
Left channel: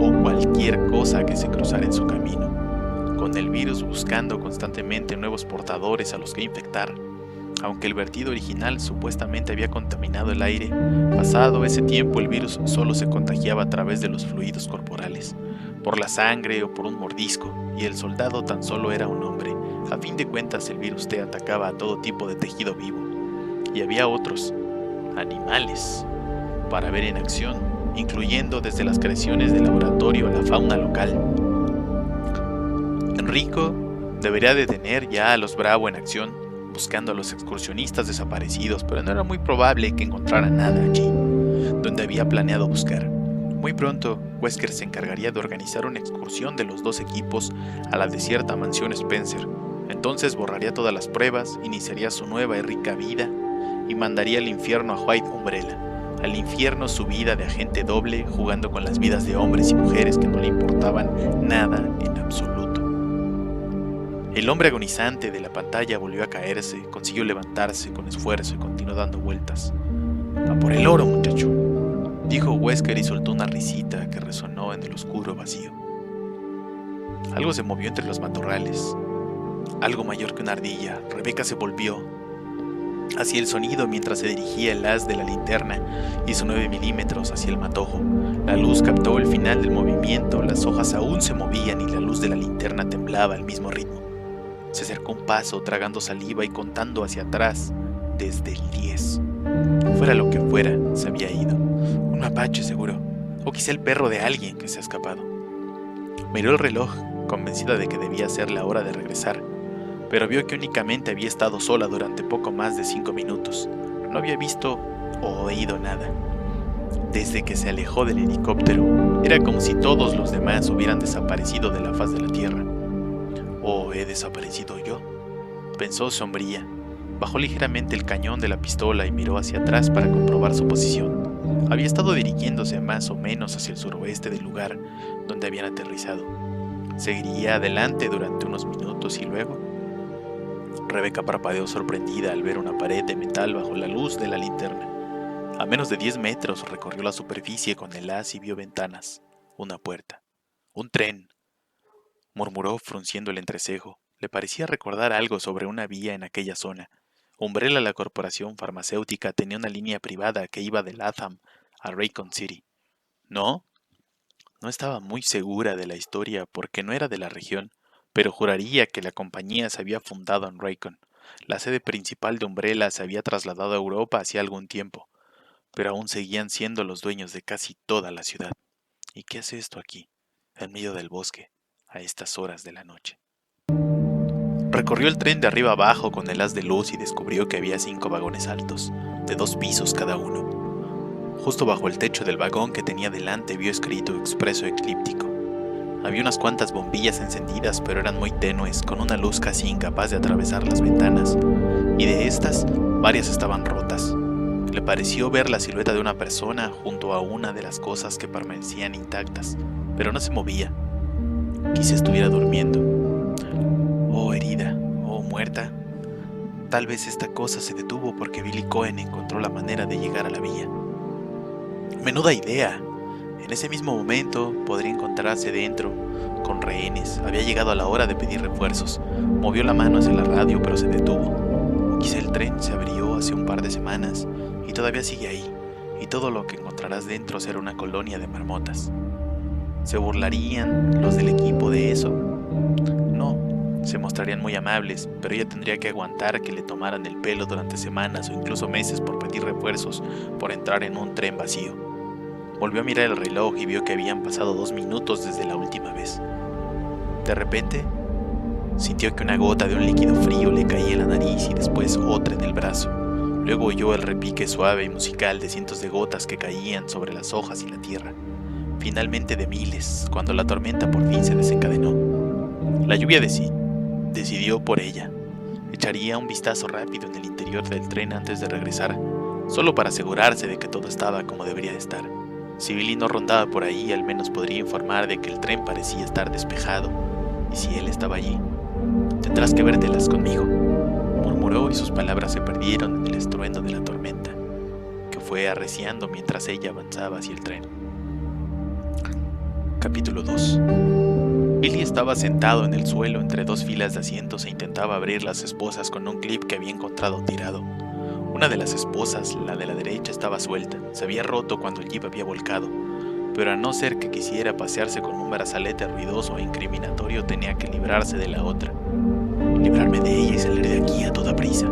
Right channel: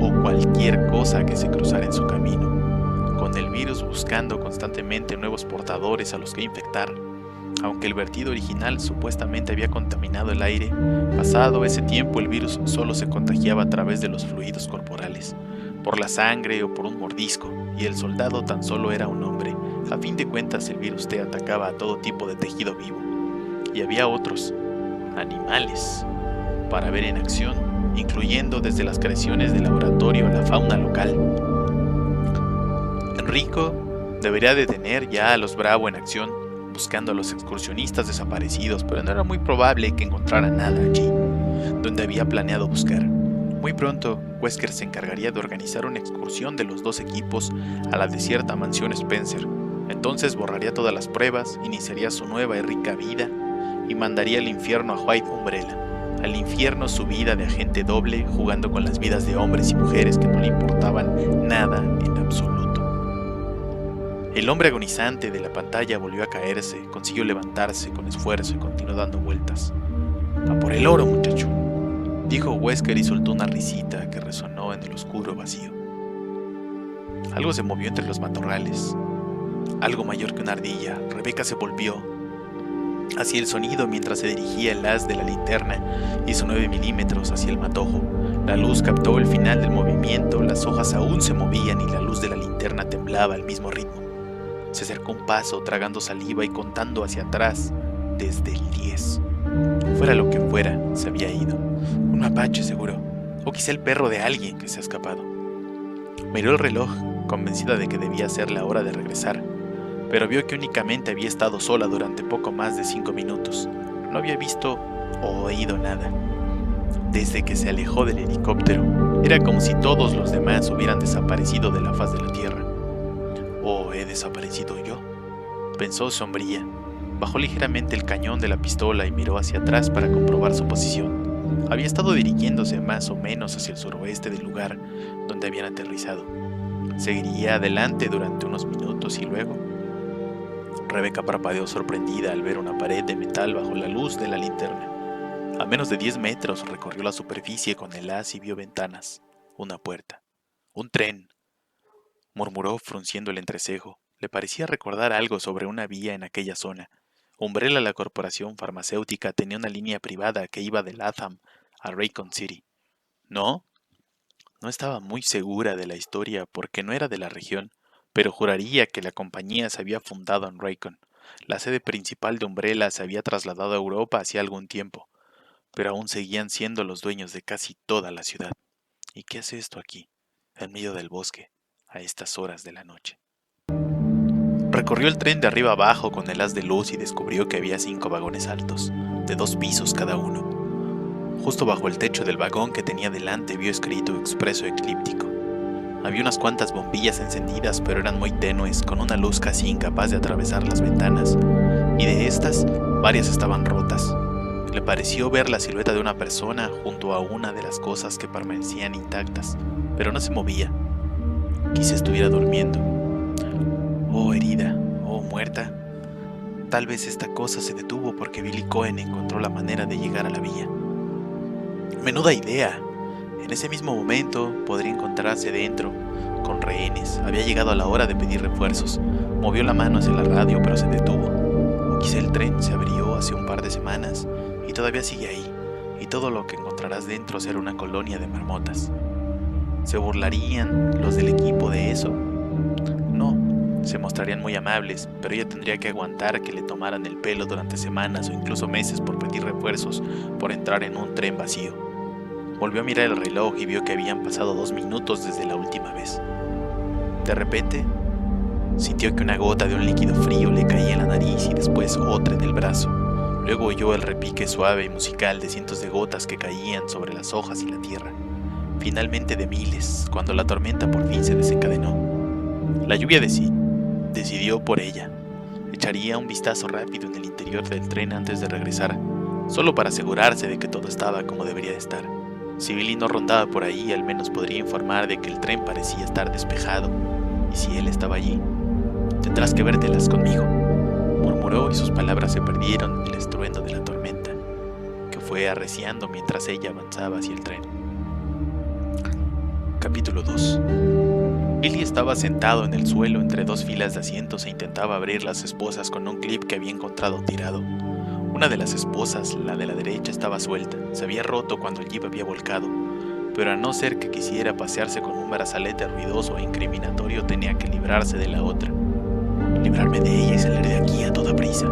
o cualquier cosa que se cruzara en su camino, con el virus buscando constantemente nuevos portadores a los que infectar. Aunque el vertido original supuestamente había contaminado el aire, pasado ese tiempo el virus solo se contagiaba a través de los fluidos corporales, por la sangre o por un mordisco, y el soldado tan solo era un hombre. A fin de cuentas el virus T atacaba a todo tipo de tejido vivo, y había otros, animales, para ver en acción, incluyendo desde las creaciones del laboratorio a la fauna local. Enrico debería de tener ya a los Bravo en acción, buscando a los excursionistas desaparecidos, pero no era muy probable que encontrara nada allí, donde había planeado buscar. Muy pronto, Wesker se encargaría de organizar una excursión de los dos equipos a la desierta mansión Spencer. Entonces borraría todas las pruebas, iniciaría su nueva y rica vida y mandaría al infierno a White Umbrella. Al infierno su vida de agente doble, jugando con las vidas de hombres y mujeres que no le importaban nada en absoluto. El hombre agonizante de la pantalla volvió a caerse, consiguió levantarse con esfuerzo y continuó dando vueltas. «A por el oro, muchacho», dijo Wesker y soltó una risita que resonó en el oscuro vacío. Algo se movió entre los matorrales. Algo mayor que una ardilla. Rebeca se volvió hacia el sonido mientras se dirigía el haz de la linterna y su 9 milímetros hacia el matojo. La luz captó el final del movimiento, las hojas aún se movían y la luz de la linterna temblaba al mismo ritmo. Se acercó un paso, tragando saliva y contando hacia atrás desde el 10. Fuera lo que fuera, se había ido. Un mapache seguro, o quizá el perro de alguien que se ha escapado. Miró el reloj, convencida de que debía ser la hora de regresar, pero vio que únicamente había estado sola durante poco más de 5 minutos. No había visto o oído nada. Desde que se alejó del helicóptero, era como si todos los demás hubieran desaparecido de la faz de la tierra. ¿O he desaparecido yo?, pensó sombría. Bajó ligeramente el cañón de la pistola y miró hacia atrás para comprobar su posición. Había estado dirigiéndose más o menos hacia el suroeste del lugar donde habían aterrizado. Seguiría adelante durante unos minutos y luego... Rebeca parpadeó sorprendida al ver una pared de metal bajo la luz de la linterna. A menos de 10 metros recorrió la superficie con el haz y vio ventanas, una puerta. «Un tren», murmuró frunciendo el entrecejo. Le parecía recordar algo sobre una vía en aquella zona. Umbrella, la corporación farmacéutica, tenía una línea privada que iba de Latham a Raycon City. ¿No? No estaba muy segura de la historia porque no era de la región, pero juraría que la compañía se había fundado en Raycon. La sede principal de Umbrella se había trasladado a Europa hacía algún tiempo, pero aún seguían siendo los dueños de casi toda la ciudad. ¿Y qué hace esto aquí, en medio del bosque, a estas horas de la noche? Recorrió el tren de arriba abajo con el haz de luz y descubrió que había 5 vagones altos, de 2 pisos cada uno. Justo bajo el techo del vagón que tenía delante vio escrito Expreso Eclíptico. Había unas cuantas bombillas encendidas, pero eran muy tenues, con una luz casi incapaz de atravesar las ventanas, y de estas, varias estaban rotas. Le pareció ver la silueta de una persona junto a una de las cosas que permanecían intactas, pero no se movía. Quizá estuviera durmiendo. O herida, o muerta. Tal vez esta cosa se detuvo porque Billy Cohen encontró la manera de llegar a la villa. ¡Menuda idea! En ese mismo momento podría encontrarse dentro, con rehenes. Había llegado la hora de pedir refuerzos. Movió la mano hacia la radio, pero se detuvo. O quizá el tren se abrió hace un par de semanas y todavía sigue ahí, y todo lo que encontrarás dentro será una colonia de marmotas. ¿Se burlarían los del equipo de eso? No, se mostrarían muy amables, pero ella tendría que aguantar que le tomaran el pelo durante semanas o incluso meses por pedir refuerzos, por entrar en un tren vacío. Volvió a mirar el reloj y vio que habían pasado 2 minutos desde la última vez. De repente, Sintió que una gota de un líquido frío le caía en la nariz y después otra en el brazo. Luego oyó el repique suave y musical de cientos de gotas que caían sobre las hojas y la tierra. Finalmente de miles, cuando la tormenta por fin se desencadenó. La lluvia decidió por ella. Echaría un vistazo rápido en el interior del tren antes de regresar, solo para asegurarse de que todo estaba como debería de estar. Si Billy no rondaba por ahí, al menos podría informar de que el tren parecía estar despejado. Y si él estaba allí, tendrás que vértelas conmigo, murmuró, y sus palabras se perdieron en el estruendo de la tormenta, que fue arreciando mientras ella avanzaba hacia el tren. Capítulo 2. Billy estaba sentado en el suelo entre dos filas de asientos e intentaba abrir las esposas con un clip que había encontrado tirado. Una de las esposas, la de la derecha, estaba suelta. Se había roto cuando el jeep había volcado, pero a no ser que quisiera pasearse con un brazalete ruidoso e incriminatorio, tenía que librarse de la otra. Librarme de ella y salir de aquí a toda prisa,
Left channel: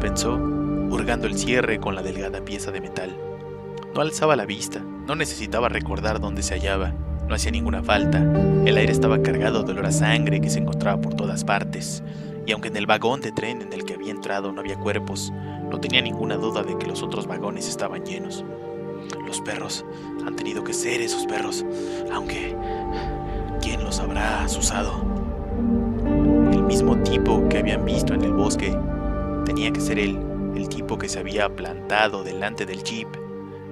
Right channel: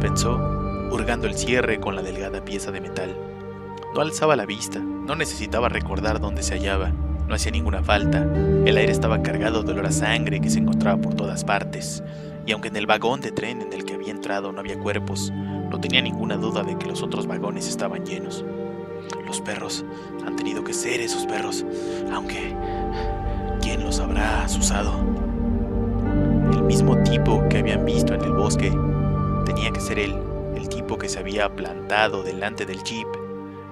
pensó, hurgando el cierre con la delgada pieza de metal. No alzaba la vista, no necesitaba recordar dónde se hallaba, no hacía ninguna falta. El aire estaba cargado de olor a sangre que se encontraba por todas partes, y aunque en el vagón de tren en el que había entrado no había cuerpos, no tenía ninguna duda de que los otros vagones estaban llenos. Los perros, han tenido que ser esos perros, aunque ¿quién los habrá asusado? El mismo tipo que habían visto en el bosque, tenía que ser él, el tipo que se había plantado delante del jeep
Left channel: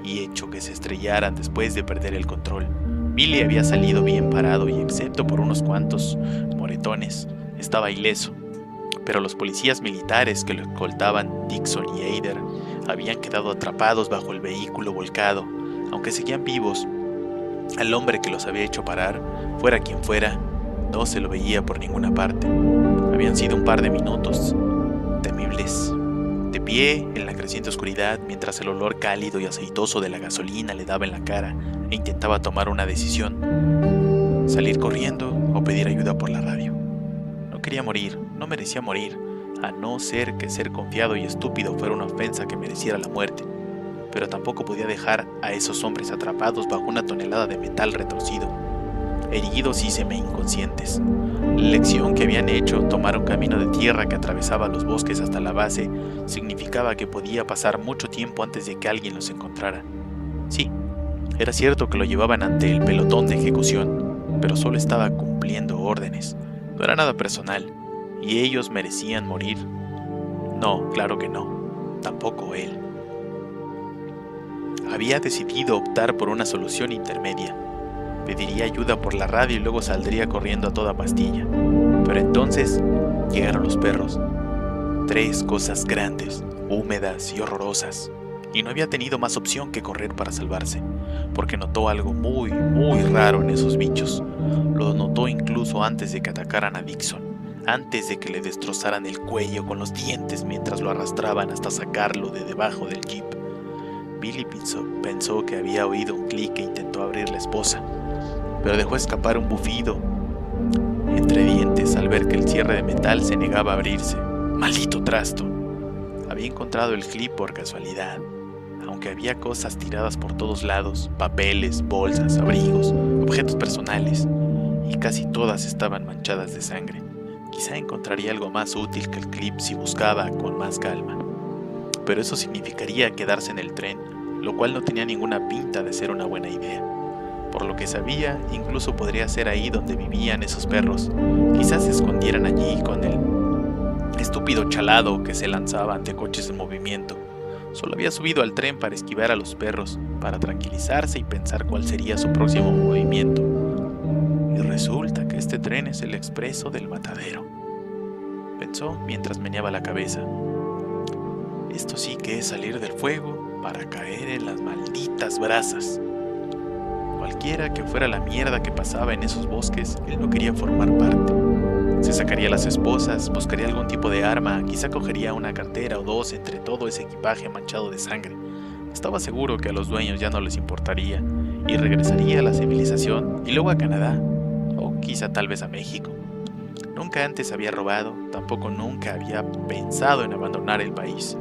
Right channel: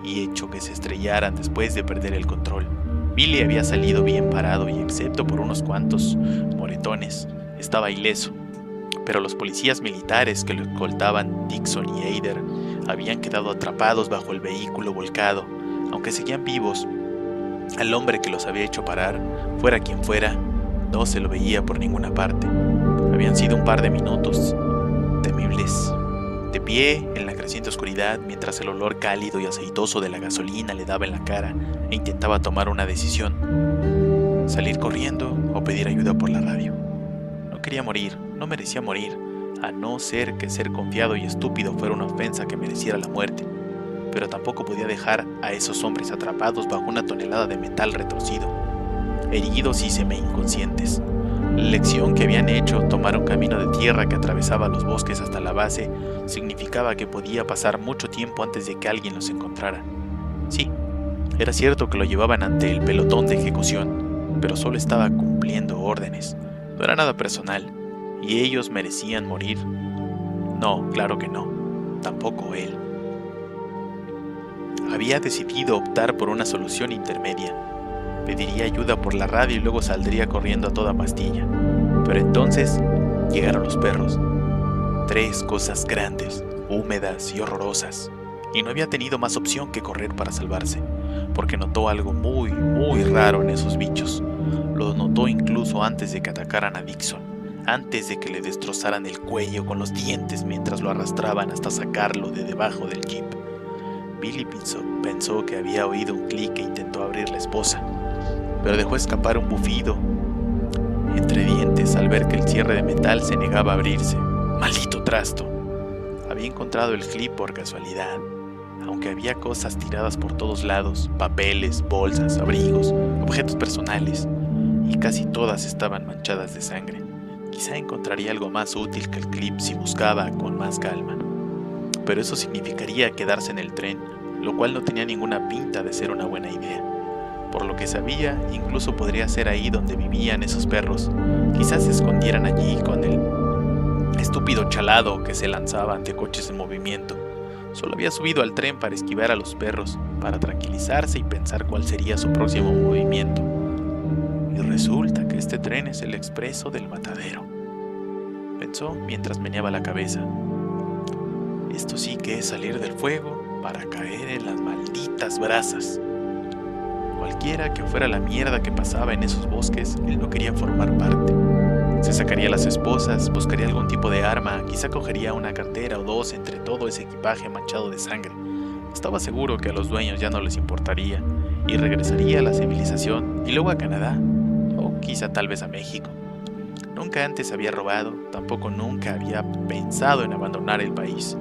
y hecho que se estrellaran después de perder el control. Billy había salido bien parado y, excepto por unos cuantos moretones, estaba ileso. Pero los policías militares que lo escoltaban, Dixon y Eider, habían quedado atrapados bajo el vehículo volcado, aunque seguían vivos. Al hombre que los había hecho parar, fuera quien fuera, no se lo veía por ninguna parte. Habían sido un par de minutos temibles. De pie en la creciente oscuridad, mientras el olor cálido y aceitoso de la gasolina le daba en la cara, e intentaba tomar una decisión: salir corriendo o pedir ayuda por la radio. No quería morir, no merecía morir, a no ser que ser confiado y estúpido fuera una ofensa que mereciera la muerte. Pero tampoco podía dejar a esos hombres atrapados bajo una tonelada de metal retorcido, heridos y semi-inconscientes. La elección que habían hecho, tomar un camino de tierra que atravesaba los bosques hasta la base, significaba que podía pasar mucho tiempo antes de que alguien los encontrara. Sí, era cierto que lo llevaban ante el pelotón de ejecución, pero solo estaba cumpliendo órdenes. No era nada personal, y ellos merecían morir. No, claro que no, tampoco él. Había decidido optar por una solución intermedia. Pediría ayuda por la radio y luego saldría corriendo a toda pastilla. Pero entonces llegaron los perros. 3 cosas grandes, húmedas y horrorosas. Y no había tenido más opción que correr para salvarse, porque notó algo muy, muy raro en esos bichos. Lo notó incluso antes de que atacaran a Dixon, antes de que le destrozaran el cuello con los dientes mientras lo arrastraban hasta sacarlo de debajo del jeep. Billy pensó que había oído un clic e intentó abrir la esposa, pero dejó escapar un bufido entre dientes al ver que el cierre de metal se negaba a abrirse. ¡Maldito trasto! Había encontrado el clip por casualidad, aunque había cosas tiradas por todos lados, papeles, bolsas, abrigos, objetos personales, y casi todas estaban manchadas de sangre. Quizá encontraría algo más útil que el clip si buscaba con más calma. Pero eso significaría quedarse en el tren, lo cual no tenía ninguna pinta de ser una buena idea. Por lo que sabía, incluso podría ser ahí donde vivían esos perros. Quizás se escondieran allí con el estúpido chalado que se lanzaba ante coches en movimiento. Solo había subido al tren para esquivar a los perros, para tranquilizarse y pensar cuál sería su próximo movimiento. Y resulta que este tren es el expreso del matadero, pensó mientras meneaba la cabeza. Esto sí que es salir del fuego para caer en las malditas brasas. Cualquiera que fuera la mierda que pasaba en esos bosques, él no quería formar parte. Se sacaría las esposas, buscaría algún tipo de arma, quizá cogería una cartera o 2 entre todo ese equipaje manchado de sangre. Estaba seguro que a los dueños ya no les importaría, y regresaría a la civilización y luego a Canadá, o quizá tal vez a México. Nunca antes había robado, tampoco nunca había pensado en abandonar el país,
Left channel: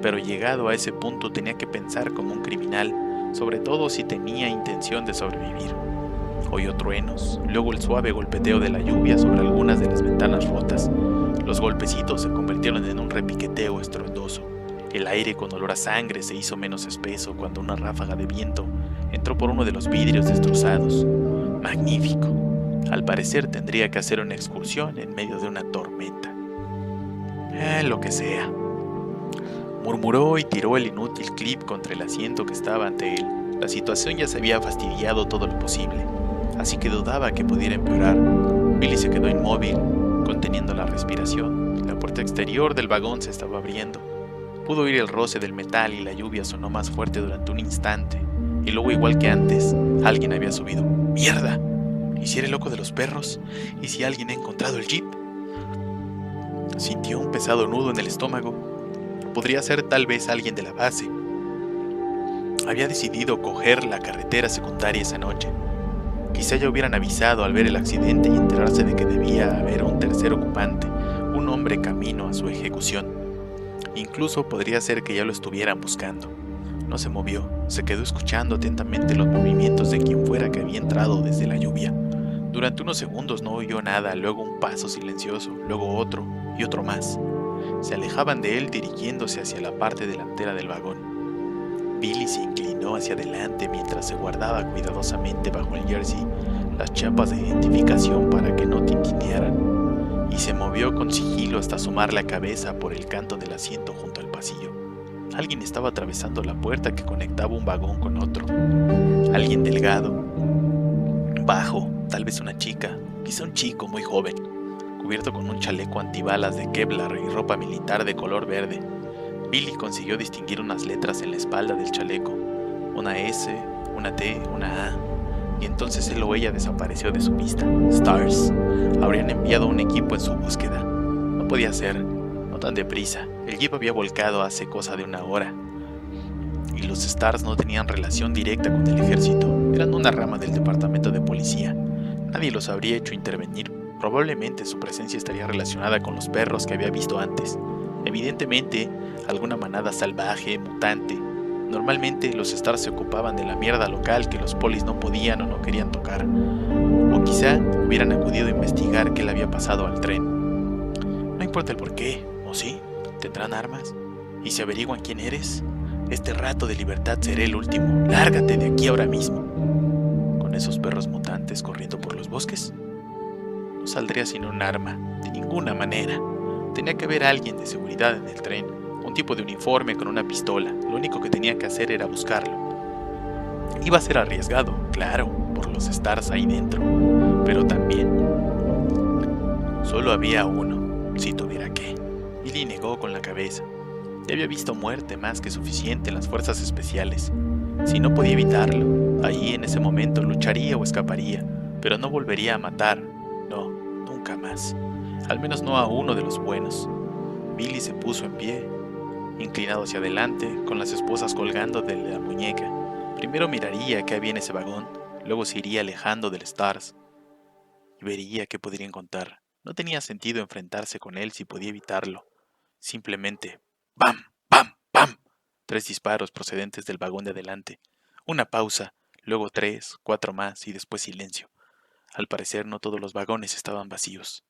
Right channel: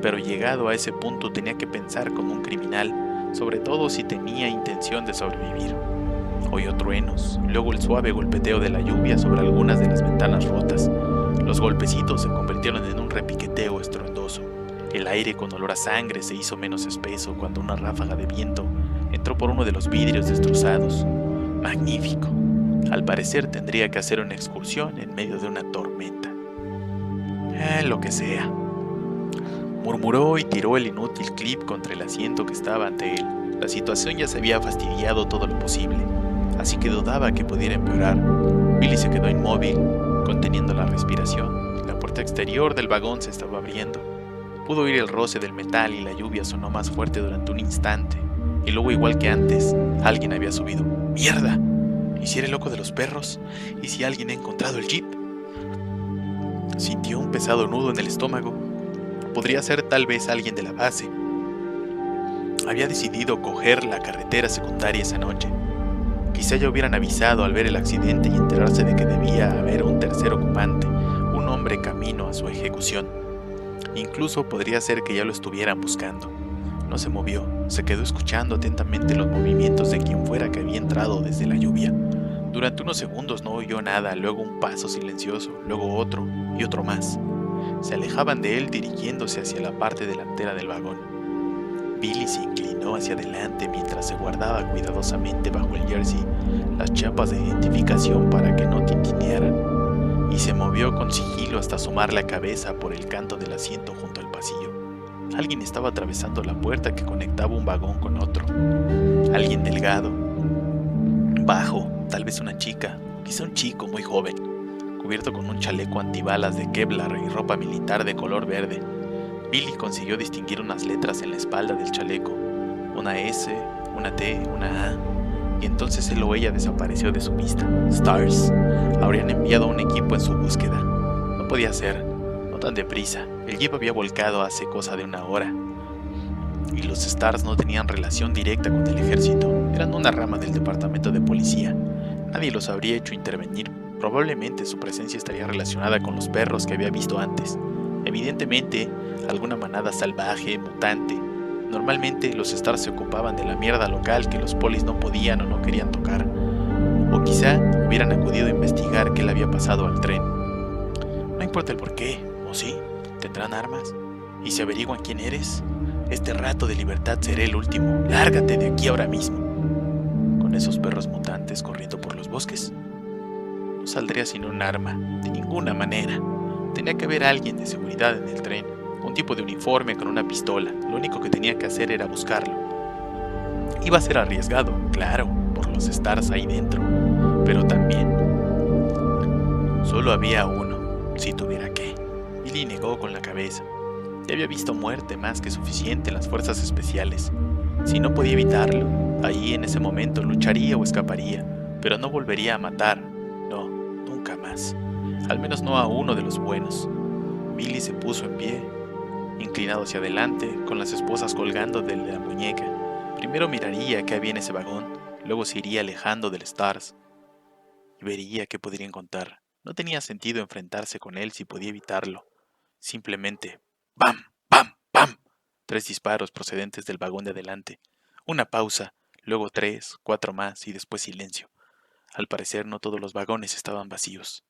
pero llegado a ese punto tenía que pensar como un criminal, sobre todo si tenía intención de sobrevivir. Oyó truenos, luego el suave golpeteo de la lluvia sobre algunas de las ventanas rotas. Los golpecitos se convirtieron en un repiqueteo estruendoso. El aire con olor a sangre se hizo menos espeso cuando una ráfaga de viento entró por uno de los vidrios destrozados. Magnífico. Al parecer tendría que hacer una excursión en medio de una tormenta. Lo que sea. Murmuró y tiró el inútil clip contra el asiento que estaba ante él. La situación ya se había fastidiado todo lo posible, así que dudaba que pudiera empeorar. Billy se quedó inmóvil, conteniendo la respiración. La puerta exterior del vagón se estaba abriendo. Pudo oír el roce del metal y la lluvia sonó más fuerte durante un instante. Y luego, igual que antes, alguien había subido. ¡Mierda! ¿Y si era el loco de los perros? ¿Y si alguien ha encontrado el jeep? Sintió un pesado nudo en el estómago. Podría ser tal vez alguien de la base. Había decidido coger la carretera secundaria esa noche. Quizá ya hubieran avisado al ver el accidente y enterarse de que debía haber un tercer ocupante, un hombre camino a su ejecución. Incluso podría ser que ya lo estuvieran buscando. No se movió, se quedó escuchando atentamente los movimientos de quien fuera que había entrado desde la lluvia. Durante unos segundos no oyó nada, luego un paso silencioso, luego otro y otro más. Se alejaban de él dirigiéndose hacia la parte delantera del vagón. Billy se inclinó hacia adelante mientras se guardaba cuidadosamente bajo el jersey las chapas de identificación para que no tintinearan, y se movió con sigilo hasta asomar la cabeza por el canto del asiento junto al pasillo. Alguien estaba atravesando la puerta que conectaba un vagón con otro. Alguien delgado, bajo, tal vez una chica, quizá un chico muy joven, cubierto con un chaleco antibalas de Kevlar y ropa militar de color verde. Billy consiguió distinguir unas letras en la espalda del chaleco, una S, una T, una A, y entonces él o ella desapareció de su vista. Stars. Habrían enviado a un equipo en su búsqueda. No podía ser, no tan deprisa. El jeep había volcado hace cosa de una hora, y los Stars no tenían relación directa con el ejército. Eran una rama del departamento de policía. Nadie los habría hecho intervenir. Probablemente su presencia estaría relacionada con los perros que había visto antes. Evidentemente, alguna manada salvaje, mutante. Normalmente los Stars se ocupaban de la mierda local que los polis no podían o no querían tocar. O quizá hubieran acudido a investigar qué le había pasado al tren. No importa el porqué, ¿o sí? ¿Tendrán armas? ¿Y si averiguan quién eres? Este rato de libertad será el último. Lárgate de aquí ahora mismo. ¿Con esos perros mutantes corriendo por los bosques? No saldría sin un arma, de ninguna manera. Tenía que haber alguien de seguridad en el tren, un tipo de uniforme con una pistola. Lo único que tenía que hacer era buscarlo. Iba a ser arriesgado, claro, por los Stars ahí dentro, pero también solo había uno, si tuviera que. Billy negó con la cabeza. Ya había visto muerte más que suficiente en las fuerzas especiales. Si no podía evitarlo, allí en ese momento lucharía o escaparía, pero no volvería a matar. No, nunca más. Al menos no a uno de los buenos. Billy se puso en pie, inclinado hacia adelante, con las esposas colgando de la muñeca. Primero miraría qué había en ese vagón, luego se iría alejando del Stars y vería qué podría encontrar. No tenía sentido enfrentarse con él si podía evitarlo. Simplemente, ¡bam! ¡Bam! ¡Bam! 3 disparos procedentes del vagón de adelante. Una pausa, luego 3, 4 más y después silencio. Al parecer no todos los vagones estaban vacíos.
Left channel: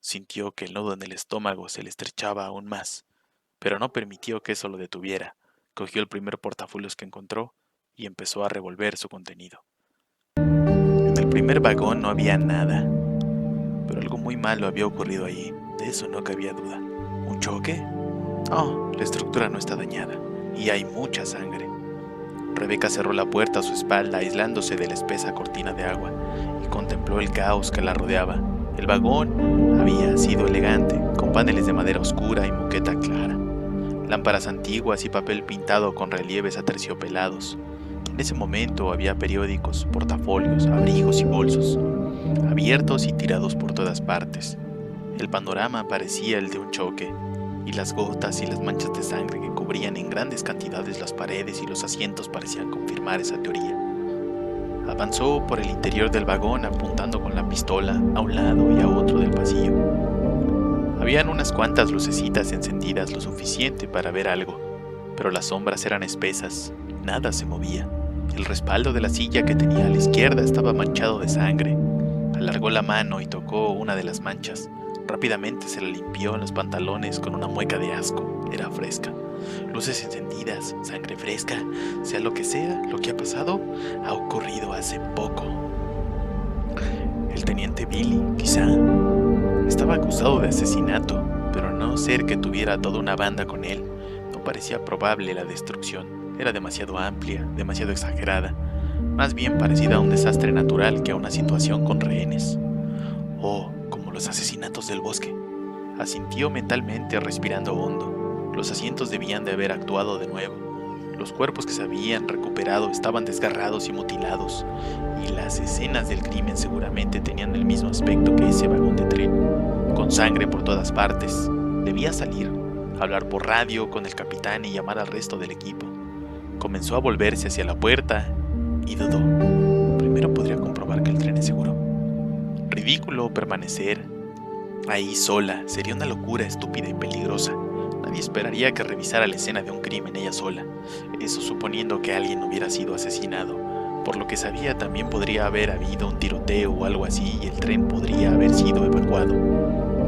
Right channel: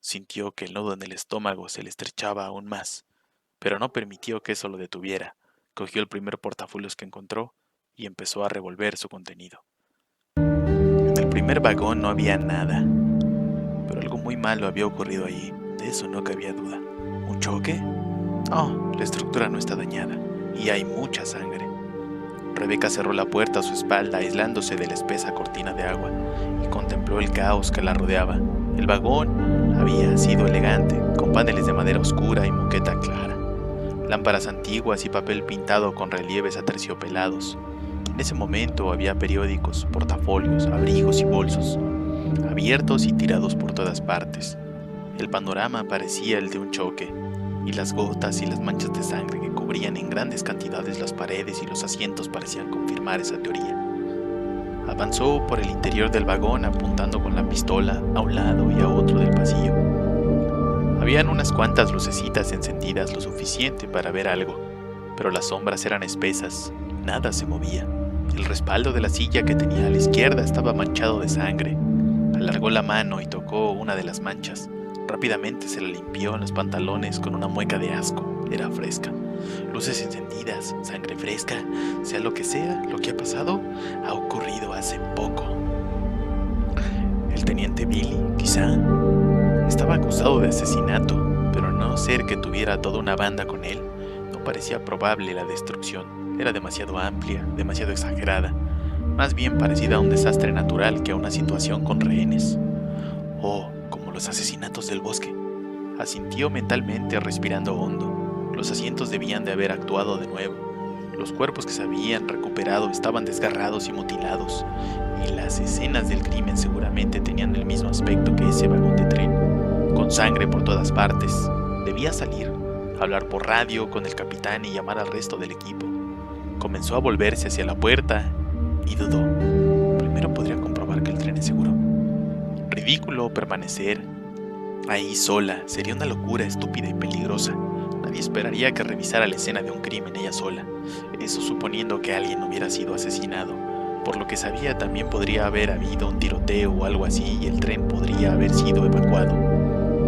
Sintió que el nudo en el estómago se le estrechaba aún más, pero no permitió que eso lo detuviera. Cogió el primer portafolios que encontró y empezó a revolver su contenido. En el primer vagón no había nada, pero algo muy malo había ocurrido allí, de eso no cabía duda. ¿Un choque? Oh, la estructura no está dañada, y hay mucha sangre. Rebecca cerró la puerta a su espalda, aislándose de la espesa cortina de agua, y contempló el caos que la rodeaba. El vagón había sido elegante, con paneles de madera oscura y moqueta clara, lámparas antiguas y papel pintado con relieves aterciopelados. En ese momento había periódicos, portafolios, abrigos y bolsos, abiertos y tirados por todas partes. El panorama parecía el de un choque, y las gotas y las manchas de sangre que cubrían en grandes cantidades las paredes y los asientos parecían confirmar esa teoría. Avanzó por el interior del vagón apuntando con la pistola a un lado y a otro del pasillo. Habían unas cuantas lucecitas encendidas lo suficiente para ver algo, pero las sombras eran espesas, nada se movía. El respaldo de la silla que tenía a la izquierda estaba manchado de sangre. Alargó la mano y tocó una de las manchas. Rápidamente se la limpió en los pantalones con una mueca de asco. Era fresca. Luces encendidas, sangre fresca, sea, lo que ha pasado, ha ocurrido hace poco. El teniente Billy, quizá, estaba acusado de asesinato, pero a no ser que tuviera toda una banda con él, no parecía probable la destrucción. Era demasiado amplia, demasiado exagerada, más bien parecida a un desastre natural que a una situación con rehenes. Oh, como los asesinatos del bosque. Asintió mentalmente, respirando hondo. Los asientos debían de haber actuado de nuevo. Los cuerpos que se habían recuperado estaban desgarrados y mutilados, y las escenas del crimen seguramente tenían el mismo aspecto que ese vagón de tren, con sangre por todas partes. Debía salir, hablar por radio con el capitán y llamar al resto del equipo. Comenzó a volverse hacia la puerta y dudó. Primero podría comprobar que el tren es seguro. Ridículo permanecer ahí sola, sería una locura estúpida y peligrosa. Nadie esperaría que revisara la escena de un crimen ella sola, eso suponiendo que alguien hubiera sido asesinado. Por lo que sabía, también podría haber habido un tiroteo o algo así y el tren podría haber sido evacuado.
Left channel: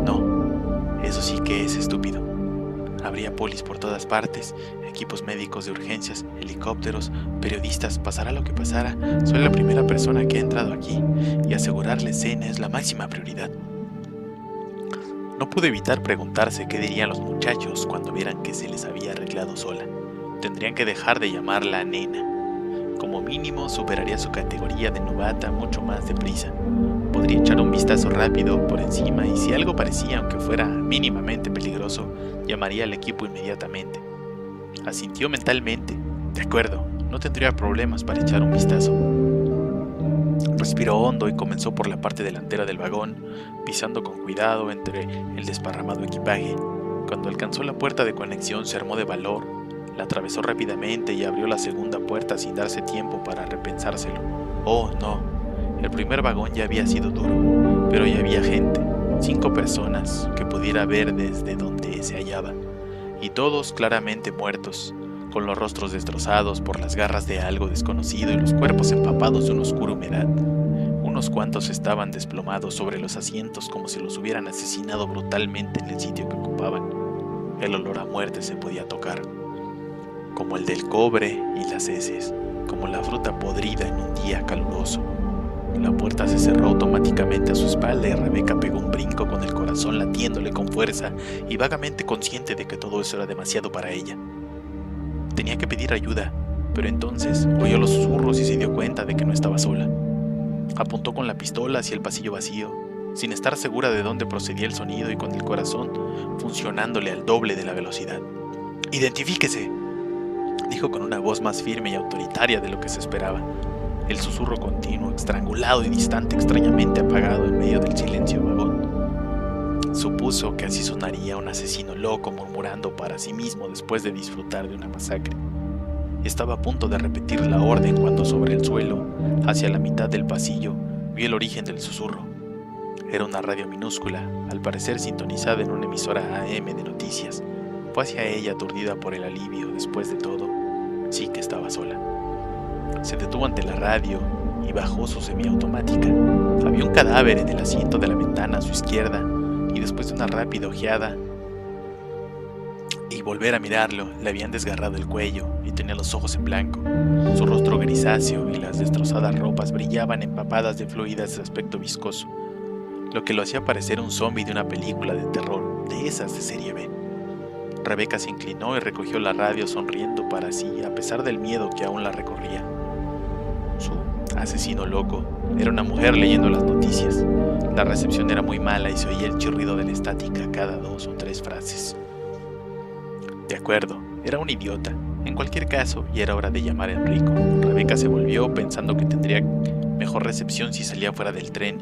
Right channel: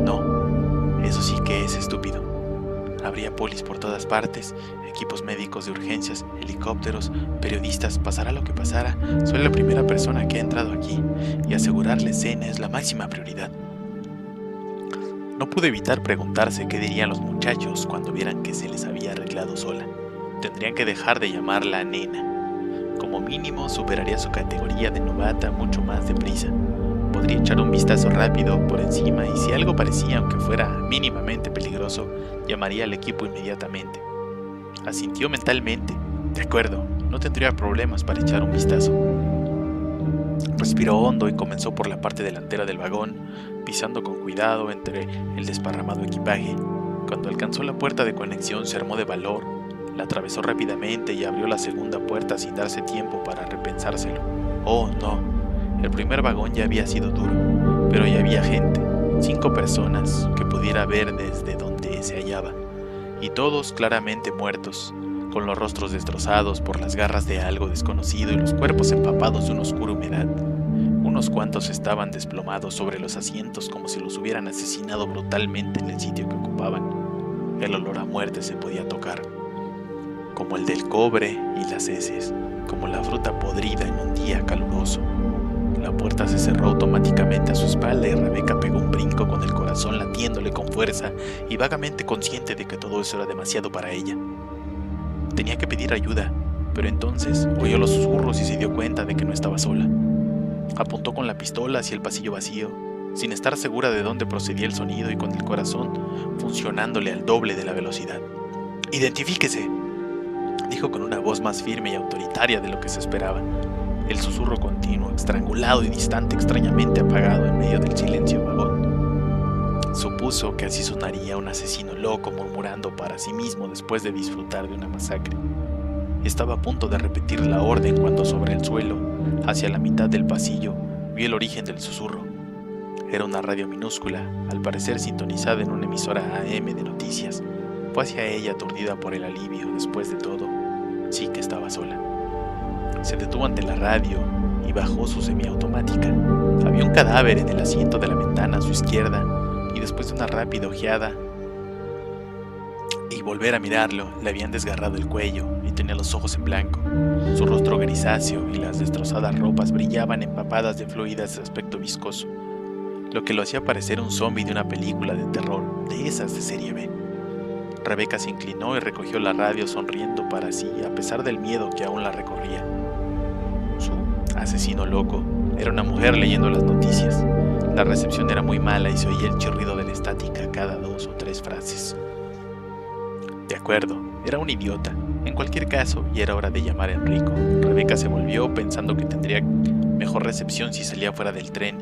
No, eso sí que es estúpido. Habría polis por todas partes, equipos médicos de urgencias, helicópteros, periodistas. Pasará lo que pasara, soy la primera persona que ha entrado aquí y asegurar la escena es la máxima prioridad. No pude evitar preguntarse qué dirían los muchachos cuando vieran que se les había arreglado sola. Tendrían que dejar de llamarla nena. Como mínimo superaría su categoría de novata mucho más deprisa. Podría echar un vistazo rápido por encima y si algo parecía, aunque fuera mínimamente peligroso, llamaría al equipo inmediatamente. Asintió mentalmente. De acuerdo, no tendría problemas para echar un vistazo. Respiró hondo y comenzó por la parte delantera del vagón, pisando con cuidado entre el desparramado equipaje. Cuando alcanzó la puerta de conexión se armó de valor, la atravesó rápidamente y abrió la segunda puerta sin darse tiempo para repensárselo. Oh, no, el primer vagón ya había sido duro, pero ya había gente, 5 personas que pudiera ver desde donde se hallaba, y todos claramente muertos, con los rostros destrozados por las garras de algo desconocido y los cuerpos empapados de una oscura humedad. Unos cuantos estaban desplomados sobre los asientos como si los hubieran asesinado brutalmente en el sitio que ocupaban. El olor a muerte se podía tocar, como el del cobre y las heces, como la fruta podrida en un día caluroso. La puerta se cerró automáticamente a su espalda y Rebecca pegó un brinco con el corazón latiéndole con fuerza y vagamente consciente de que todo eso era demasiado para ella. Tenía que pedir ayuda, pero entonces oyó los susurros y se dio cuenta de que no estaba sola. Apuntó con la pistola hacia el pasillo vacío, sin estar segura de dónde procedía el sonido y con el corazón funcionándole al doble de la velocidad. «¡Identifíquese!», dijo con una voz más firme y autoritaria de lo que se esperaba. El susurro continuo, estrangulado y distante, extrañamente apagado en medio del silencio vagón. Supuso que así sonaría un asesino loco murmurando para sí mismo después de disfrutar de una masacre. Estaba a punto de repetir la orden cuando sobre el suelo, hacia la mitad del pasillo, vio el origen del susurro. Era una radio minúscula, al parecer sintonizada en una emisora AM de noticias. Fue hacia ella aturdida por el alivio. Después de todo, sí que estaba sola. Se detuvo ante la radio y bajó su semiautomática. Había un cadáver en el asiento de la ventana a su izquierda y después de una rápida ojeada y volver a mirarlo, le habían desgarrado el cuello y tenía los ojos en blanco. Su rostro grisáceo y las destrozadas ropas brillaban empapadas de fluidas de aspecto viscoso, lo que lo hacía parecer un zombie de una película de terror, de esas de serie B. Rebecca se inclinó y recogió la radio sonriendo para sí, a pesar del miedo que aún la recorría. Su asesino loco era una mujer leyendo las noticias. La recepción era muy mala y se oía el chirrido de la estática cada 2 o 3 frases. De acuerdo, era un idiota. En cualquier caso, ya era hora de llamar a Enrico. Rebecca se volvió pensando que tendría mejor recepción si salía fuera del tren,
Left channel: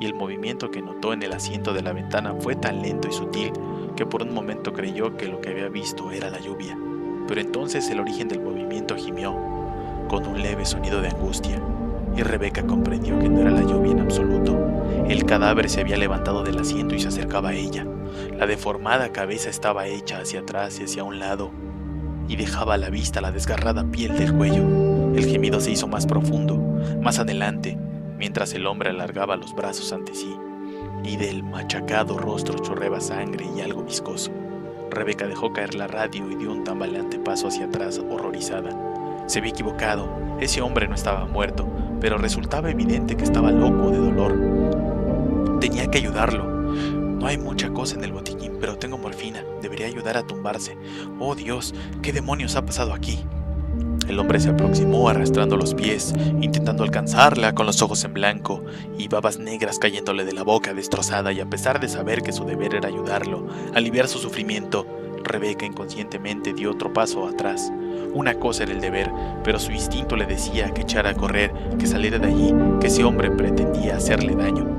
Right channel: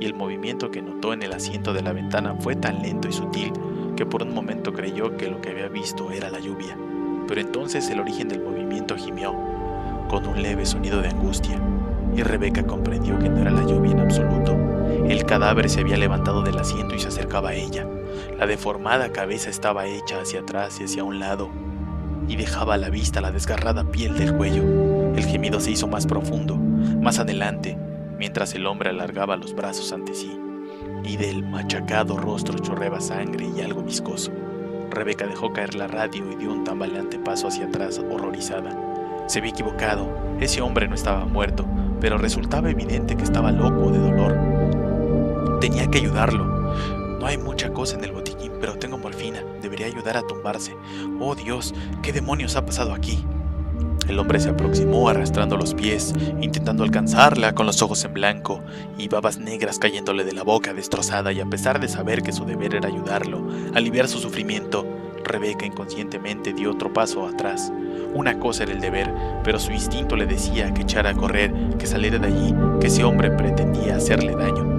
y el movimiento que notó en el asiento de la ventana fue tan lento y sutil que por un momento creyó que lo que había visto era la lluvia. Pero entonces el origen del movimiento gimió, con un leve sonido de angustia, y Rebecca comprendió que no era la lluvia en absoluto. El cadáver se había levantado del asiento y se acercaba a ella. La deformada cabeza estaba hecha hacia atrás y hacia un lado, y dejaba a la vista la desgarrada piel del cuello. El gemido se hizo más profundo, más adelante, mientras el hombre alargaba los brazos ante sí, y del machacado rostro chorreaba sangre y algo viscoso. Rebeca dejó caer la radio y dio un tambaleante paso hacia atrás, horrorizada. Se había equivocado, ese hombre no estaba muerto, pero resultaba evidente que estaba loco de dolor. Tenía que ayudarlo. No hay mucha cosa en el botiquín, pero tengo morfina. Debería ayudar a tumbarse. ¡Oh Dios! ¿Qué demonios ha pasado aquí? El hombre se aproximó arrastrando los pies, intentando alcanzarla con los ojos en blanco y babas negras cayéndole de la boca destrozada, y a pesar de saber que su deber era ayudarlo, aliviar su sufrimiento, Rebeca inconscientemente dio otro paso atrás. Una cosa era el deber, pero su instinto le decía que echara a correr, que saliera de allí, que ese hombre pretendía hacerle daño.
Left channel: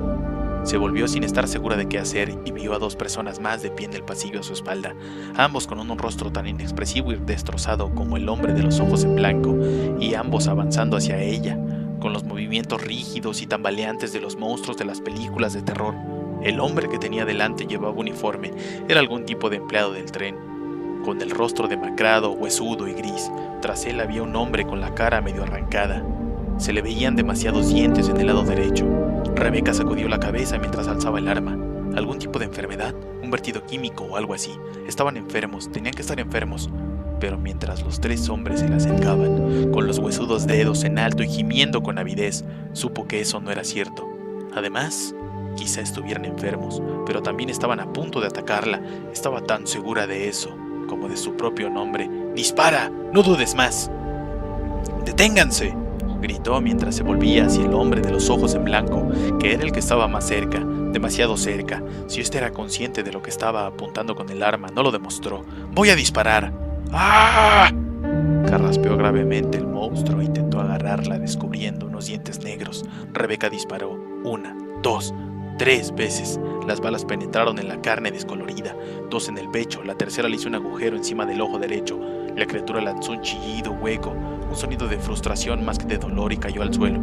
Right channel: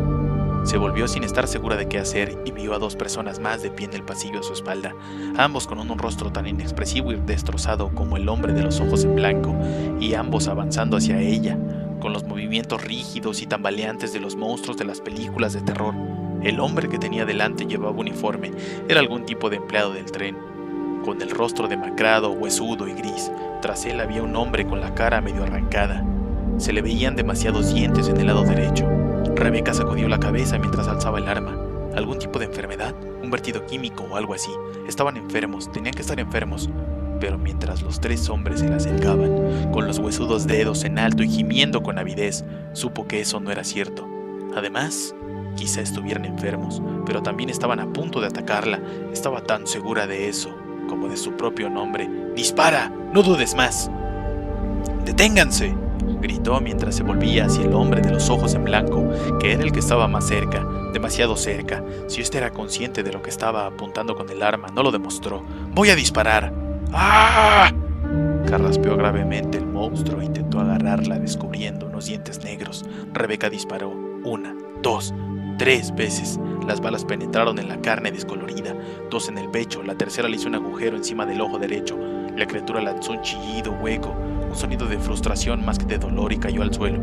Se volvió sin estar segura de qué hacer y vio a dos personas más de pie en el pasillo a su espalda, ambos con un rostro tan inexpresivo y destrozado como el hombre de los ojos en blanco, y ambos avanzando hacia ella, con los movimientos rígidos y tambaleantes de los monstruos de las películas de terror. El hombre que tenía delante llevaba uniforme, era algún tipo de empleado del tren, con el rostro demacrado, huesudo y gris. Tras él había un hombre con la cara medio arrancada. Se le veían demasiados dientes en el lado derecho. Rebeca sacudió la cabeza mientras alzaba el arma. ¿Algún tipo de enfermedad? ¿Un vertido químico o algo así? Estaban enfermos, tenían que estar enfermos. Pero mientras los tres hombres se le acercaban, con los huesudos dedos en alto y gimiendo con avidez, supo que eso no era cierto. Además, quizá estuvieran enfermos, pero también estaban a punto de atacarla. Estaba tan segura de eso, como de su propio nombre. ¡Dispara! ¡No dudes más! ¡Deténganse!, gritó mientras se volvía hacia el hombre de los ojos en blanco, que era el que estaba más cerca, demasiado cerca. Si éste era consciente de lo que estaba apuntando con el arma, no lo demostró. ¡Voy a disparar! ¡Ah! Carraspeó gravemente el monstruo e intentó agarrarla, descubriendo unos dientes negros. Rebeca disparó 1, 2, 3 veces. Las balas penetraron en la carne descolorida, 2 en el pecho, la tercera le hizo un agujero encima del ojo derecho. La criatura lanzó un chillido hueco, un sonido de frustración más que de dolor, y cayó al suelo.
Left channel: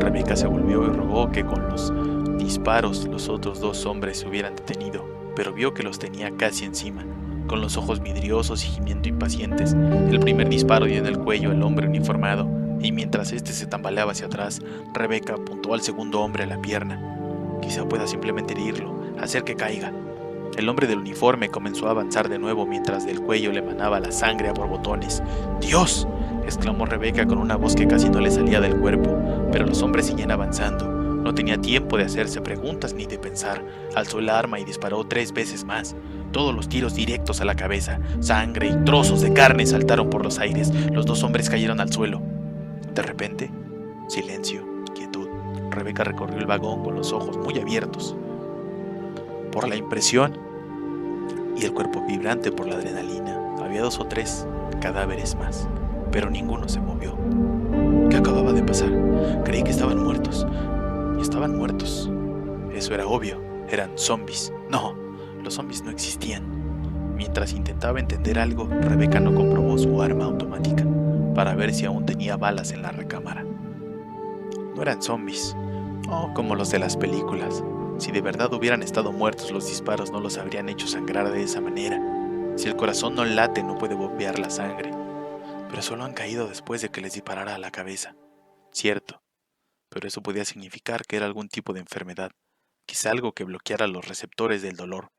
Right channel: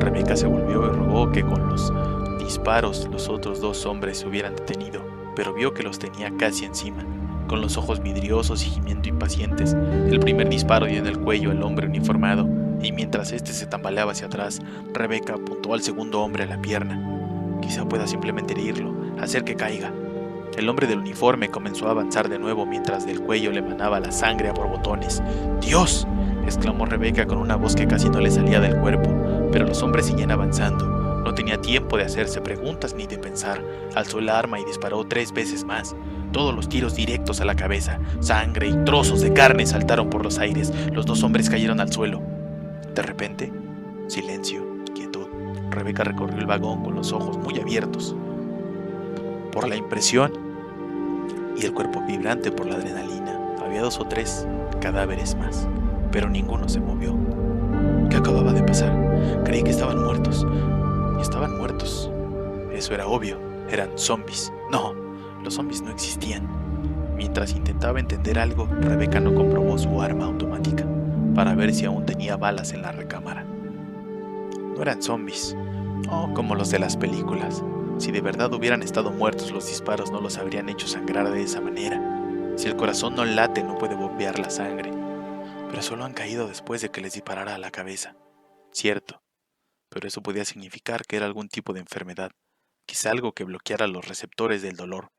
Rebeca se volvió y rogó que con los disparos los otros dos hombres se hubieran detenido, pero vio que los tenía casi encima. Con los ojos vidriosos y gimiendo impacientes, el primer disparo dio en el cuello al hombre uniformado, y mientras éste se tambaleaba hacia atrás, Rebeca apuntó al segundo hombre a la pierna. Quizá pueda simplemente herirlo, hacer que caiga. El hombre del uniforme comenzó a avanzar de nuevo mientras del cuello le manaba la sangre a borbotones. ¡Dios!, exclamó Rebeca con una voz que casi no le salía del cuerpo, pero los hombres seguían avanzando. No tenía tiempo de hacerse preguntas ni de pensar. Alzó el arma y disparó 3 veces más. Todos los tiros directos a la cabeza. Sangre y trozos de carne saltaron por los aires. Los dos hombres cayeron al suelo. De repente, silencio, quietud. Rebeca recorrió el vagón con los ojos muy abiertos por la impresión y el cuerpo vibrante por la adrenalina. Había 2 o 3 cadáveres más, pero ninguno se movió. ¿Qué acababa de pasar? Creí que estaban muertos. Y estaban muertos. Eso era obvio. Eran zombies. No, los zombies no existían. Mientras intentaba entender algo, Rebeca no comprobó su arma automática para ver si aún tenía balas en la recámara. No eran zombies, como los de las películas. Si de verdad hubieran estado muertos, los disparos no los habrían hecho sangrar de esa manera. Si el corazón no late, no puede bombear la sangre. Pero solo han caído después de que les disparara a la cabeza. Cierto, pero eso podía significar que era algún tipo de enfermedad, quizá algo que bloqueara los receptores del dolor.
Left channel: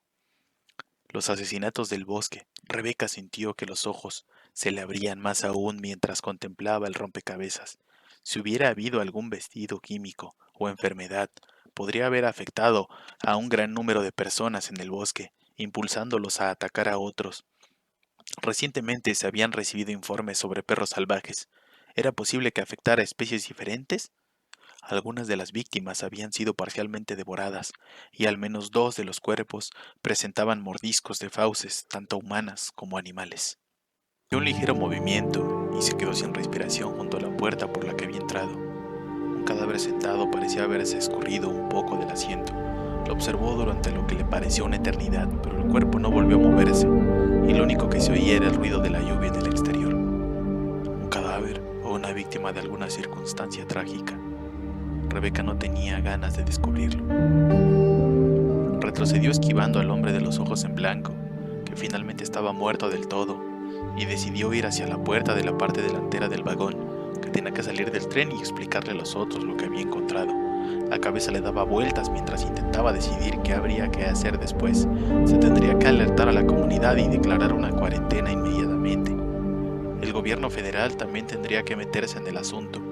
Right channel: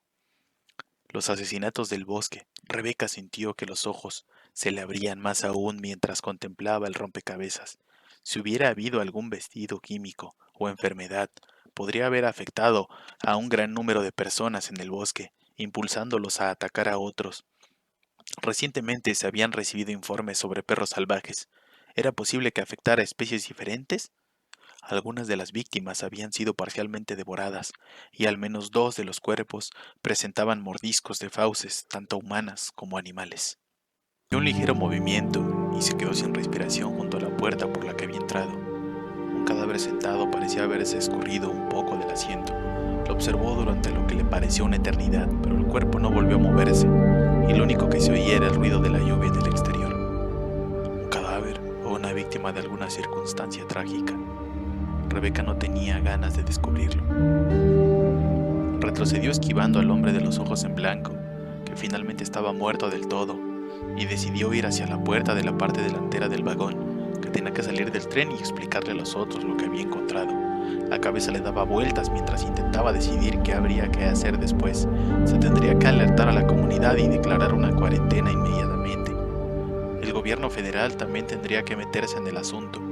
Los asesinatos del bosque. Rebeca sintió que los ojos se le abrían más aún mientras contemplaba el rompecabezas. Si hubiera habido algún vestido químico o enfermedad, podría haber afectado a un gran número de personas en el bosque, impulsándolos a atacar a otros. Recientemente se habían recibido informes sobre perros salvajes. ¿Era posible que afectara a especies diferentes? Algunas de las víctimas habían sido parcialmente devoradas, y al menos 2 de los cuerpos presentaban mordiscos de fauces, tanto humanas como animales. Dio un ligero movimiento y se quedó sin respiración junto a la puerta por la que había entrado. Un cadáver sentado parecía haberse escurrido un poco del asiento. Lo observó durante lo que le pareció una eternidad, pero el cuerpo no volvió a moverse, y lo único que se oía era el ruido de la lluvia en el exterior. ¿Un cadáver o una víctima de alguna circunstancia trágica? Rebeca no tenía ganas de descubrirlo. Retrocedió esquivando al hombre de los ojos en blanco, que finalmente estaba muerto del todo. y decidió ir hacia la puerta de la parte delantera del vagón, que tenía que salir del tren y explicarle a los otros lo que había encontrado. La cabeza le daba vueltas mientras intentaba decidir qué habría que hacer después. Se tendría que alertar a la comunidad y declarar una cuarentena inmediatamente. El gobierno federal también tendría que meterse en el asunto,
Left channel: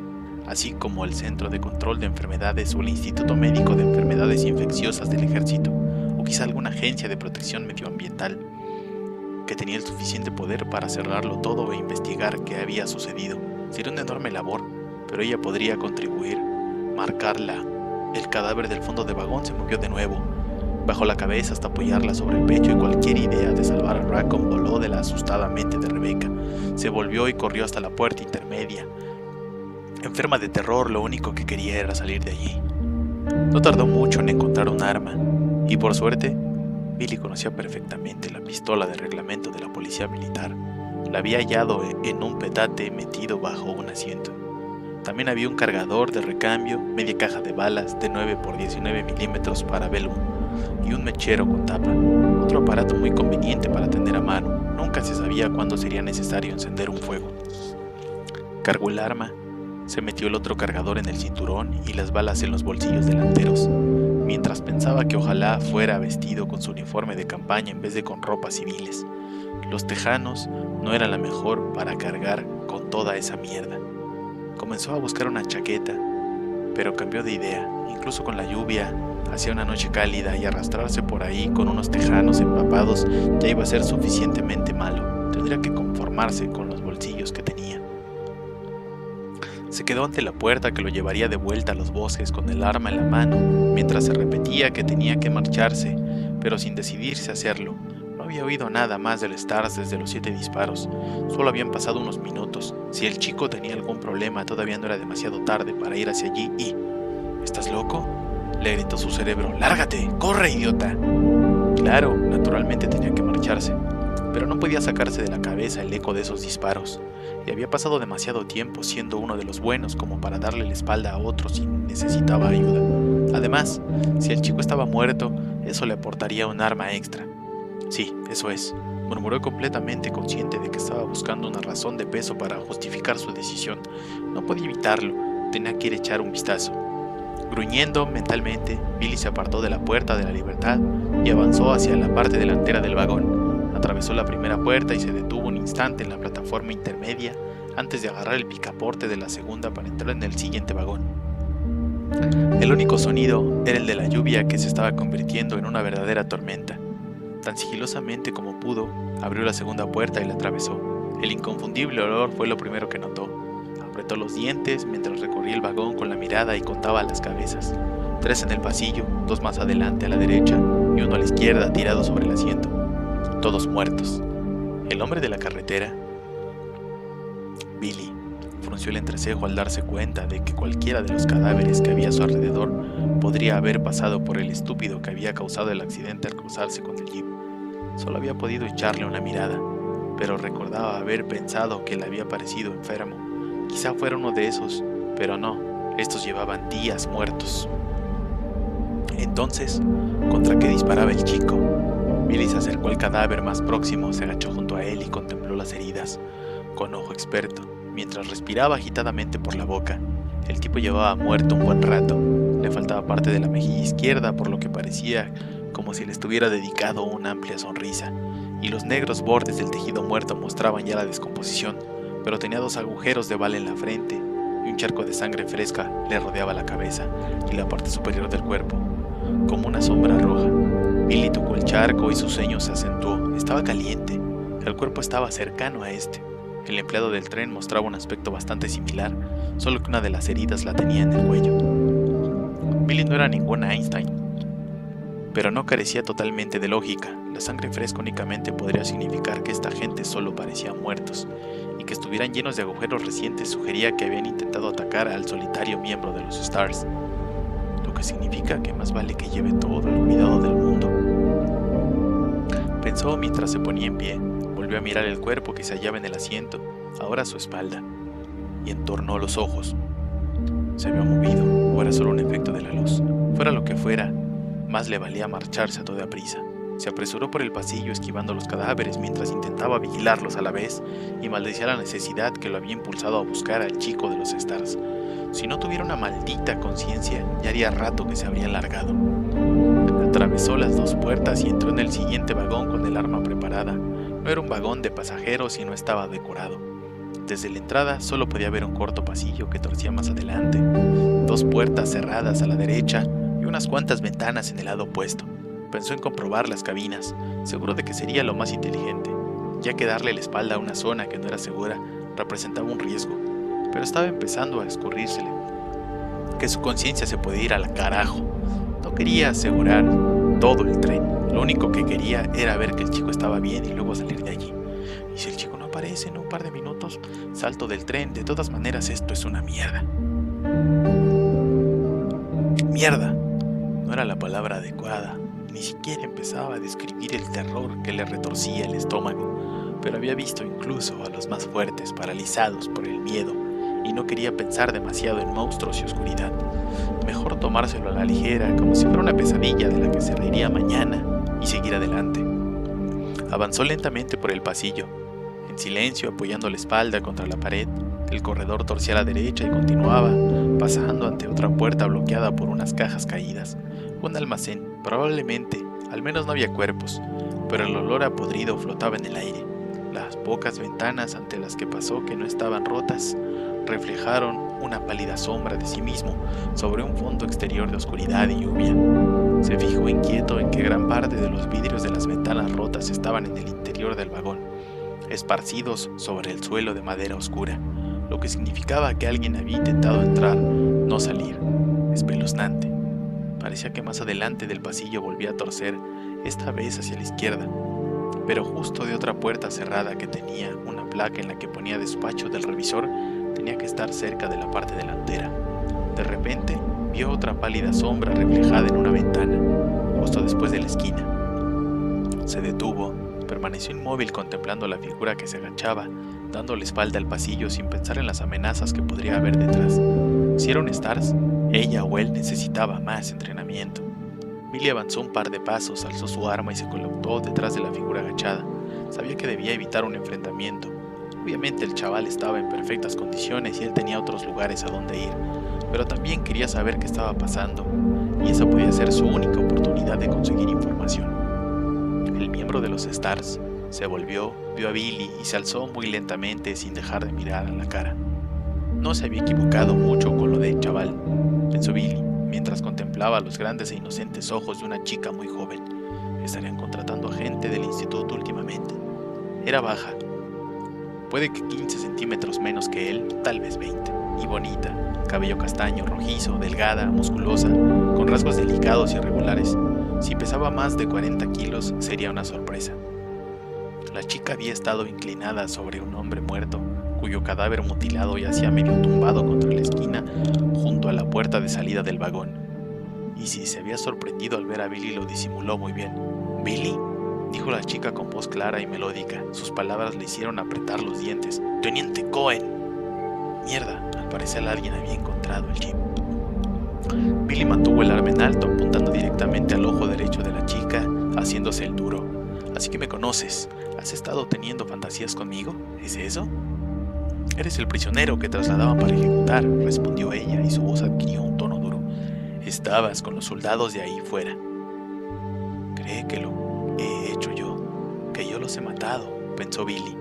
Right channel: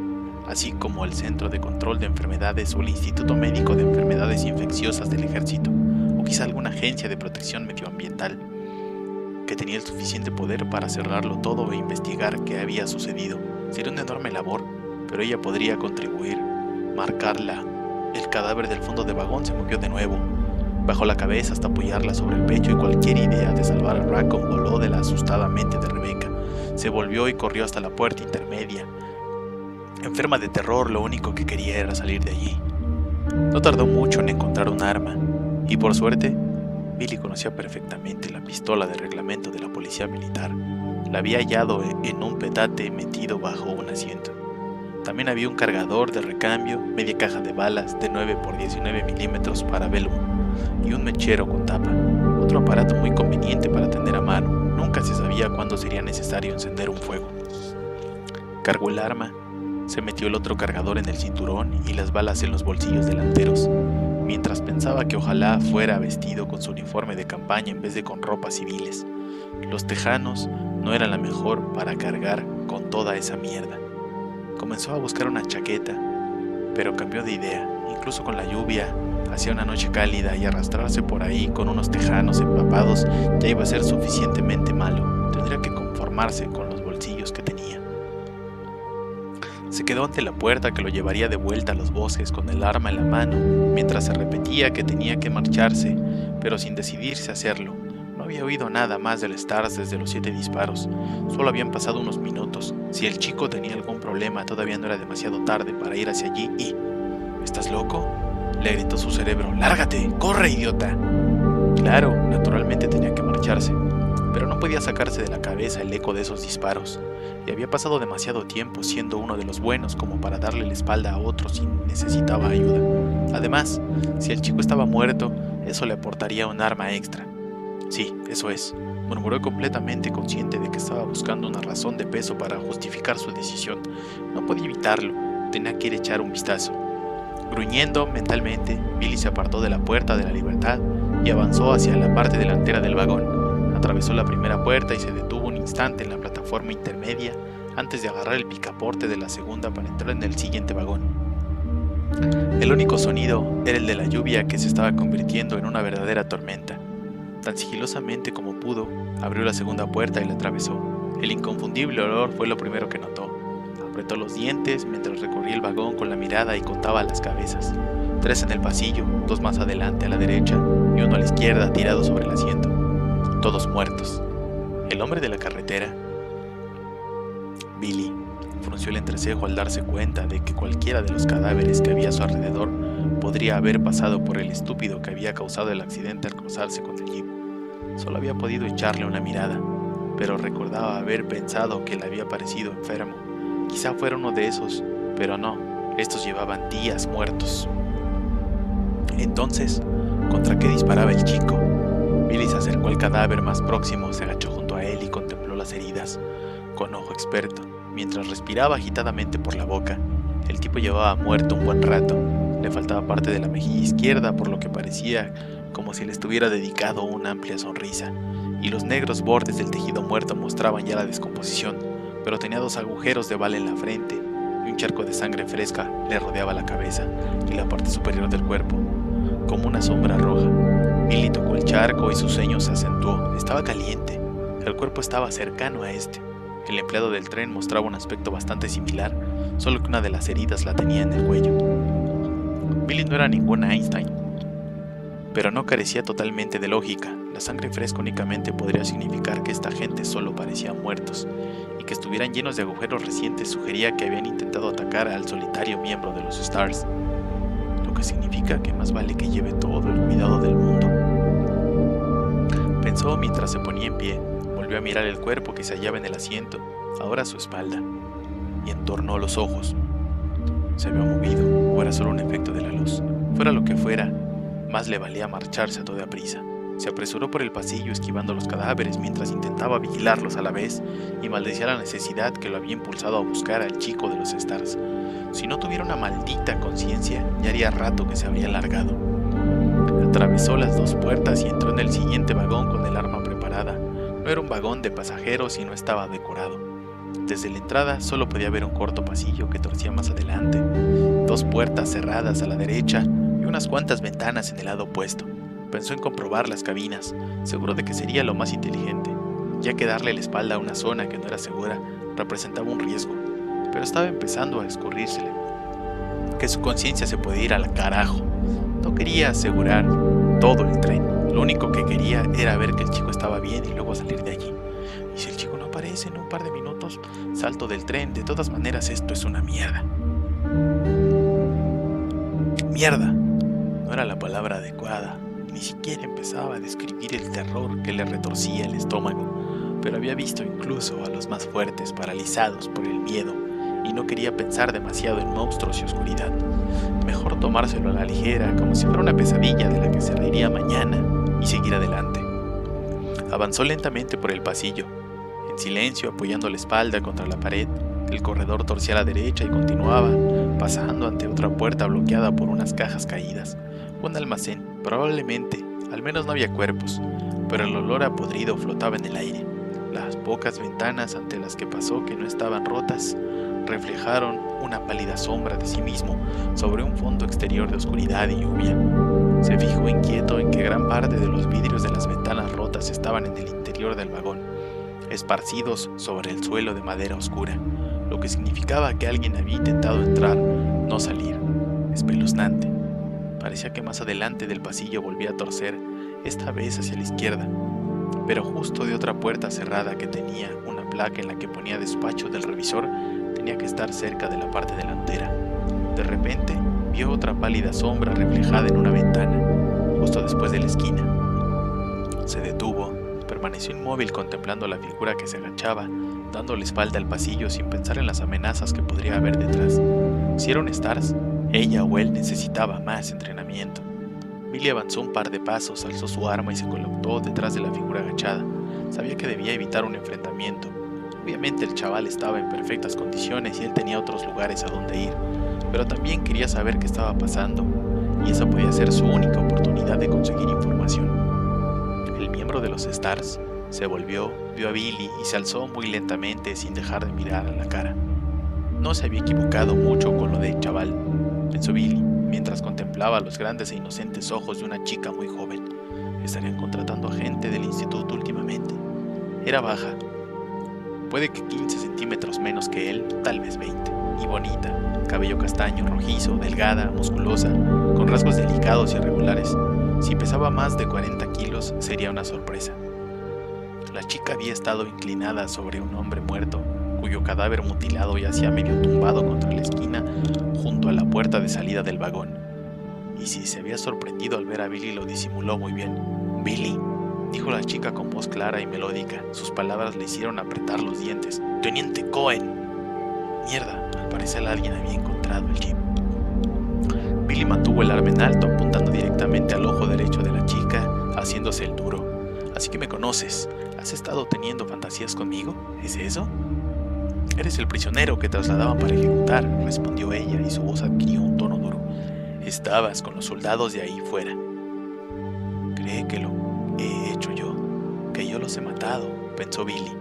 así como el Centro de Control de Enfermedades o el Instituto Médico de Enfermedades Infecciosas del Ejército, o quizá alguna agencia de protección medioambiental, que tenía el suficiente poder para cerrarlo todo e investigar qué había sucedido. Sería una enorme labor, pero ella podría contribuir. Marcarla. El cadáver del fondo de vagón se movió de nuevo. Bajó la cabeza hasta apoyarla sobre el pecho y cualquier idea de salvar a Raccoon voló de la asustada mente de Rebecca. Se volvió y corrió hasta la puerta intermedia. Enferma de terror, lo único que quería era salir de allí. No tardó mucho en encontrar un arma, y por suerte, Billy conocía perfectamente la pistola de reglamento de la policía militar. La había hallado en un petate metido bajo un asiento. También había un cargador de recambio, media caja de balas de 9 por 19 milímetros para Velum y un mechero con tapa, otro aparato muy conveniente para tener a mano. Nunca se sabía cuándo sería necesario encender un fuego. Cargó el arma, se metió el otro cargador en el cinturón y las balas en los bolsillos delanteros, mientras pensaba que ojalá fuera vestido con su uniforme de campaña en vez de con ropas civiles. Los tejanos no eran la mejor para cargar con toda esa mierda. Comenzó a buscar una chaqueta, pero cambió de idea. Incluso con la lluvia, hacía una noche cálida y arrastrarse por ahí con unos tejanos empapados ya iba a ser suficientemente malo. Tendría que conformarse con los bolsillos que tenía. Se quedó ante la puerta que lo llevaría de vuelta a los bosques con el arma en la mano, mientras se repetía que tenía que marcharse, pero sin decidirse a hacerlo. No había oído nada más del Stars desde los 7 disparos. Solo habían pasado unos minutos. Si el chico tenía algún problema, todavía no era demasiado tarde para ir hacia allí y... ¿Estás loco?, le gritó su cerebro. ¡Lárgate! ¡Corre, idiota! Claro, naturalmente tenía que marcharse, pero no podía sacarse de la cabeza el eco de esos disparos. Y había pasado demasiado tiempo siendo uno de los buenos como para darle la espalda a otro si necesitaba ayuda. Además, si el chico estaba muerto, eso le aportaría un arma extra. Sí, eso es, murmuró completamente consciente de que estaba buscando una razón de peso para justificar su decisión. No podía evitarlo, tenía que ir a echar un vistazo. Gruñendo mentalmente, Billy se apartó de la puerta de la libertad y avanzó hacia la parte delantera del vagón. Atravesó la primera puerta y se detuvo un instante en la plataforma intermedia antes de agarrar el picaporte de la segunda para entrar en el siguiente vagón. El único sonido era el de la lluvia que se estaba convirtiendo en una verdadera tormenta. Tan sigilosamente como pudo, abrió la segunda puerta y la atravesó. El inconfundible olor fue lo primero que notó. Apretó los dientes mientras recorría el vagón con la mirada y contaba las cabezas. 3 en el pasillo, 2 más adelante a la derecha y 1 a la izquierda tirado sobre el asiento. Todos muertos. El hombre de la carretera. Billy frunció el entrecejo al darse cuenta de que cualquiera de los cadáveres que había a su alrededor podría haber pasado por el estúpido que había causado el accidente al cruzarse con el jeep. Solo había podido echarle una mirada, pero recordaba haber pensado que le había parecido enfermo. Quizá fuera uno de esos, pero no, estos llevaban días muertos. Entonces, ¿contra qué disparaba el chico? Billy se acercó al cadáver más próximo, se agachó junto a él y contempló las heridas, con ojo experto, mientras respiraba agitadamente por la boca. El tipo llevaba muerto un buen rato. Le faltaba parte de la mejilla izquierda, por lo que parecía como si le estuviera dedicado una amplia sonrisa, y los negros bordes del tejido muerto mostraban ya la descomposición, pero tenía 2 agujeros de bala en la frente, y un charco de sangre fresca le rodeaba la cabeza y la parte superior del cuerpo, como una sombra roja. Billy tocó el charco y su ceño se acentuó. Estaba caliente. El cuerpo estaba cercano a este. El empleado del tren mostraba un aspecto bastante similar, solo que una de las heridas la tenía en el cuello. Billy no era ningún Einstein, pero no carecía totalmente de lógica. La sangre fresca únicamente podría significar que esta gente solo parecía muertos, y que estuvieran llenos de agujeros recientes sugería que habían intentado atacar al solitario miembro de los Stars, lo que significa que más vale que lleve todo el cuidado del mundo. Pensó mientras se ponía en pie. Volvió a mirar el cuerpo que se hallaba en el asiento, ahora a su espalda, y entornó los ojos. Se había movido, o era solo un efecto de la luz. Fuera lo que fuera, más le valía marcharse a toda prisa. Se apresuró por el pasillo esquivando los cadáveres mientras intentaba vigilarlos a la vez y maldecía la necesidad que lo había impulsado a buscar al chico de los Stars. Si no tuviera una maldita conciencia, ya haría rato que se habría largado. Atravesó las dos puertas y entró en el siguiente vagón con el arma preparada. No era un vagón de pasajeros y no estaba decorado. Desde la entrada solo podía ver un corto pasillo que torcía más adelante, dos puertas cerradas a la derecha y unas cuantas ventanas en el lado opuesto. Pensó en comprobar las cabinas, seguro de que sería lo más inteligente, ya que darle la espalda a una zona que no era segura representaba un riesgo, pero estaba empezando a escurrírsele que su conciencia se podía ir al carajo. No quería asegurar todo el tren, lo único que quería era ver que el chico estaba bien y luego salir de allí. Y si el chico no aparece en un par de minutos, salto del tren. De todas maneras, esto es una mierda. Mierda. No era la palabra adecuada. Ni siquiera empezaba a describir el terror que le retorcía el estómago, pero había visto incluso a los más fuertes paralizados por el miedo y no quería pensar demasiado en monstruos y oscuridad. Mejor tomárselo a la ligera, como si fuera una pesadilla de la que se reiría mañana, y seguir adelante. Avanzó lentamente por el pasillo, en silencio, apoyando la espalda contra la pared. El corredor torcía a la derecha y continuaba, pasando ante otra puerta bloqueada por unas cajas caídas. Un almacén, probablemente, al menos no había cuerpos, pero el olor a podrido flotaba en el aire. Las pocas ventanas ante las que pasó que no estaban rotas reflejaron una pálida sombra de sí mismo sobre un fondo exterior de oscuridad y lluvia. Se fijó inquieto en que gran parte de los vidrios de las ventanas rotas estaban en el interior del vagón, esparcidos sobre el suelo de madera oscura, lo que significaba que alguien había intentado entrar, no salir. Espeluznante. Parecía que más adelante del pasillo volvía a torcer, esta vez hacia la izquierda, pero justo de otra puerta cerrada que tenía una placa en la que ponía despacho del revisor, tenía que estar cerca de la parte delantera. De repente, vio otra pálida sombra reflejada en una ventana, justo después de la esquina. Se detuvo, permaneció inmóvil contemplando la figura que se agachaba, dando la espalda al pasillo sin pensar en las amenazas que podría haber detrás. Si era un Stars, ella o él necesitaba más entrenamiento. Billy avanzó un par de pasos, alzó su arma y se colocó detrás de la figura agachada. Sabía que debía evitar un enfrentamiento. Obviamente el chaval estaba en perfectas condiciones y él tenía otros lugares a donde ir, pero también quería saber qué estaba pasando, y esa podía ser su única oportunidad de conseguir información. El miembro de los Stars se volvió, vio a Billy y se alzó muy lentamente sin dejar de mirar a la cara. No se había equivocado mucho con lo de chaval, pensó Billy, mientras contemplaba los grandes e inocentes ojos de una chica muy joven. ¿Estarían contratando a gente del instituto últimamente? Era baja, puede que 15 centímetros menos que él, tal vez 20, y bonita, cabello castaño, rojizo, delgada, musculosa, con rasgos delicados y irregulares. Si pesaba más de 40 kilos, sería una sorpresa. La chica había estado inclinada sobre un hombre muerto, cuyo cadáver mutilado yacía medio tumbado contra la esquina junto a la puerta de salida del vagón. Y si se había sorprendido al ver a Billy, lo disimuló muy bien. «Billy», dijo la chica con voz clara y melódica. Sus palabras le hicieron apretar los dientes. «Teniente Cohen». Mierda, al parecer alguien había encontrado el jeep. Billy mantuvo el arma en alto, apuntando directamente al ojo derecho de la chica, haciéndose el duro. «Así que me conoces. ¿Has estado teniendo fantasías conmigo? ¿Es eso?» «Eres el prisionero que trasladaban para ejecutar», respondió ella, y su voz adquirió un tono duro. «Estabas con los soldados de ahí fuera». «Cree que lo he hecho yo, que yo los he matado», pensó Billy.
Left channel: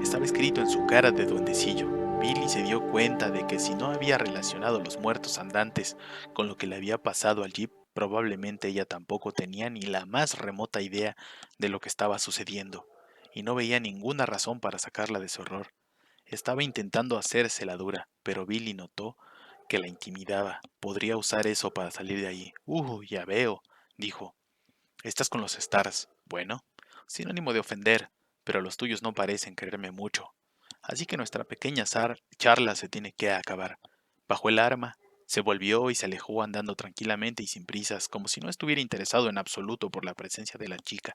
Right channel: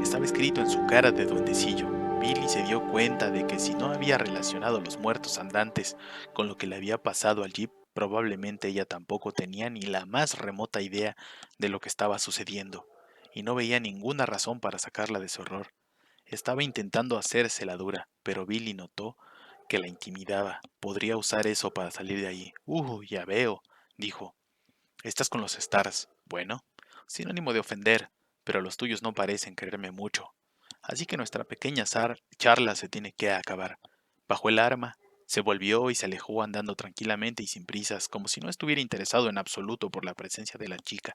Estaba escrito en su cara de duendecillo. Billy se dio cuenta de que si no había relacionado los muertos andantes con lo que le había pasado al jeep, probablemente ella tampoco tenía ni la más remota idea de lo que estaba sucediendo, y no veía ninguna razón para sacarla de su horror. Estaba intentando hacerse la dura, pero Billy notó que la intimidaba. Podría usar eso para salir de allí. Ya veo», dijo. «Estás con los Stars. Bueno, sin ánimo de ofender, pero los tuyos no parecen quererme mucho. Así que nuestra pequeña charla se tiene que acabar». Bajó el arma, se volvió y se alejó andando tranquilamente y sin prisas, como si no estuviera interesado en absoluto por la presencia de la chica.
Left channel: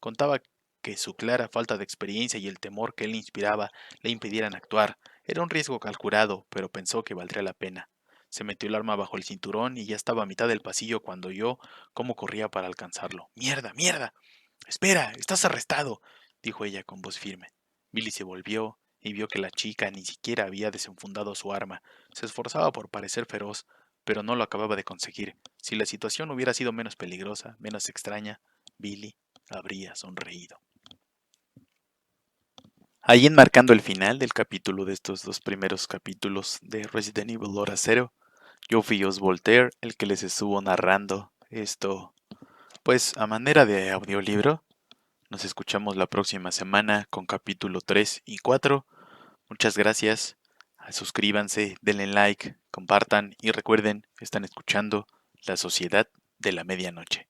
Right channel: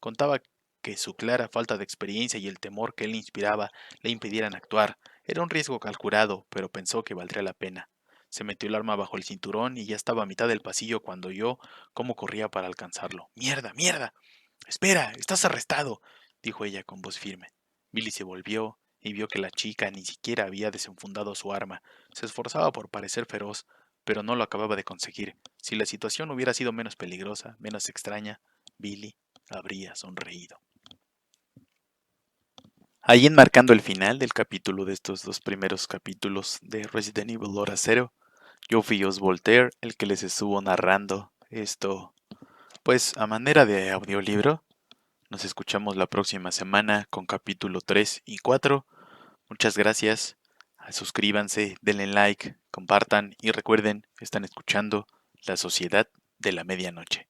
Contaba que su clara falta de experiencia y el temor que él inspiraba le impidieran actuar. Era un riesgo calculado, pero pensó que valdría la pena. Se metió el arma bajo el cinturón y ya estaba a mitad del pasillo cuando oyó cómo corría para alcanzarlo. ¡Mierda, mierda! ¡Espera! ¡Estás arrestado!, dijo ella con voz firme. Billy se volvió y vio que la chica ni siquiera había desenfundado su arma. Se esforzaba por parecer feroz, pero no lo acababa de conseguir. Si la situación hubiera sido menos peligrosa, menos extraña, Billy habría sonreído. Ahí enmarcando el final del capítulo de estos dos primeros capítulos de Resident Evil Hora Cero, yo fui Os Voltaire, el que les estuvo narrando esto, pues a manera de audiolibro. Nos escuchamos la próxima semana con capítulo 3 y 4. Muchas gracias. Suscríbanse, denle like, compartan y recuerden, están escuchando La Sociedad de la Medianoche.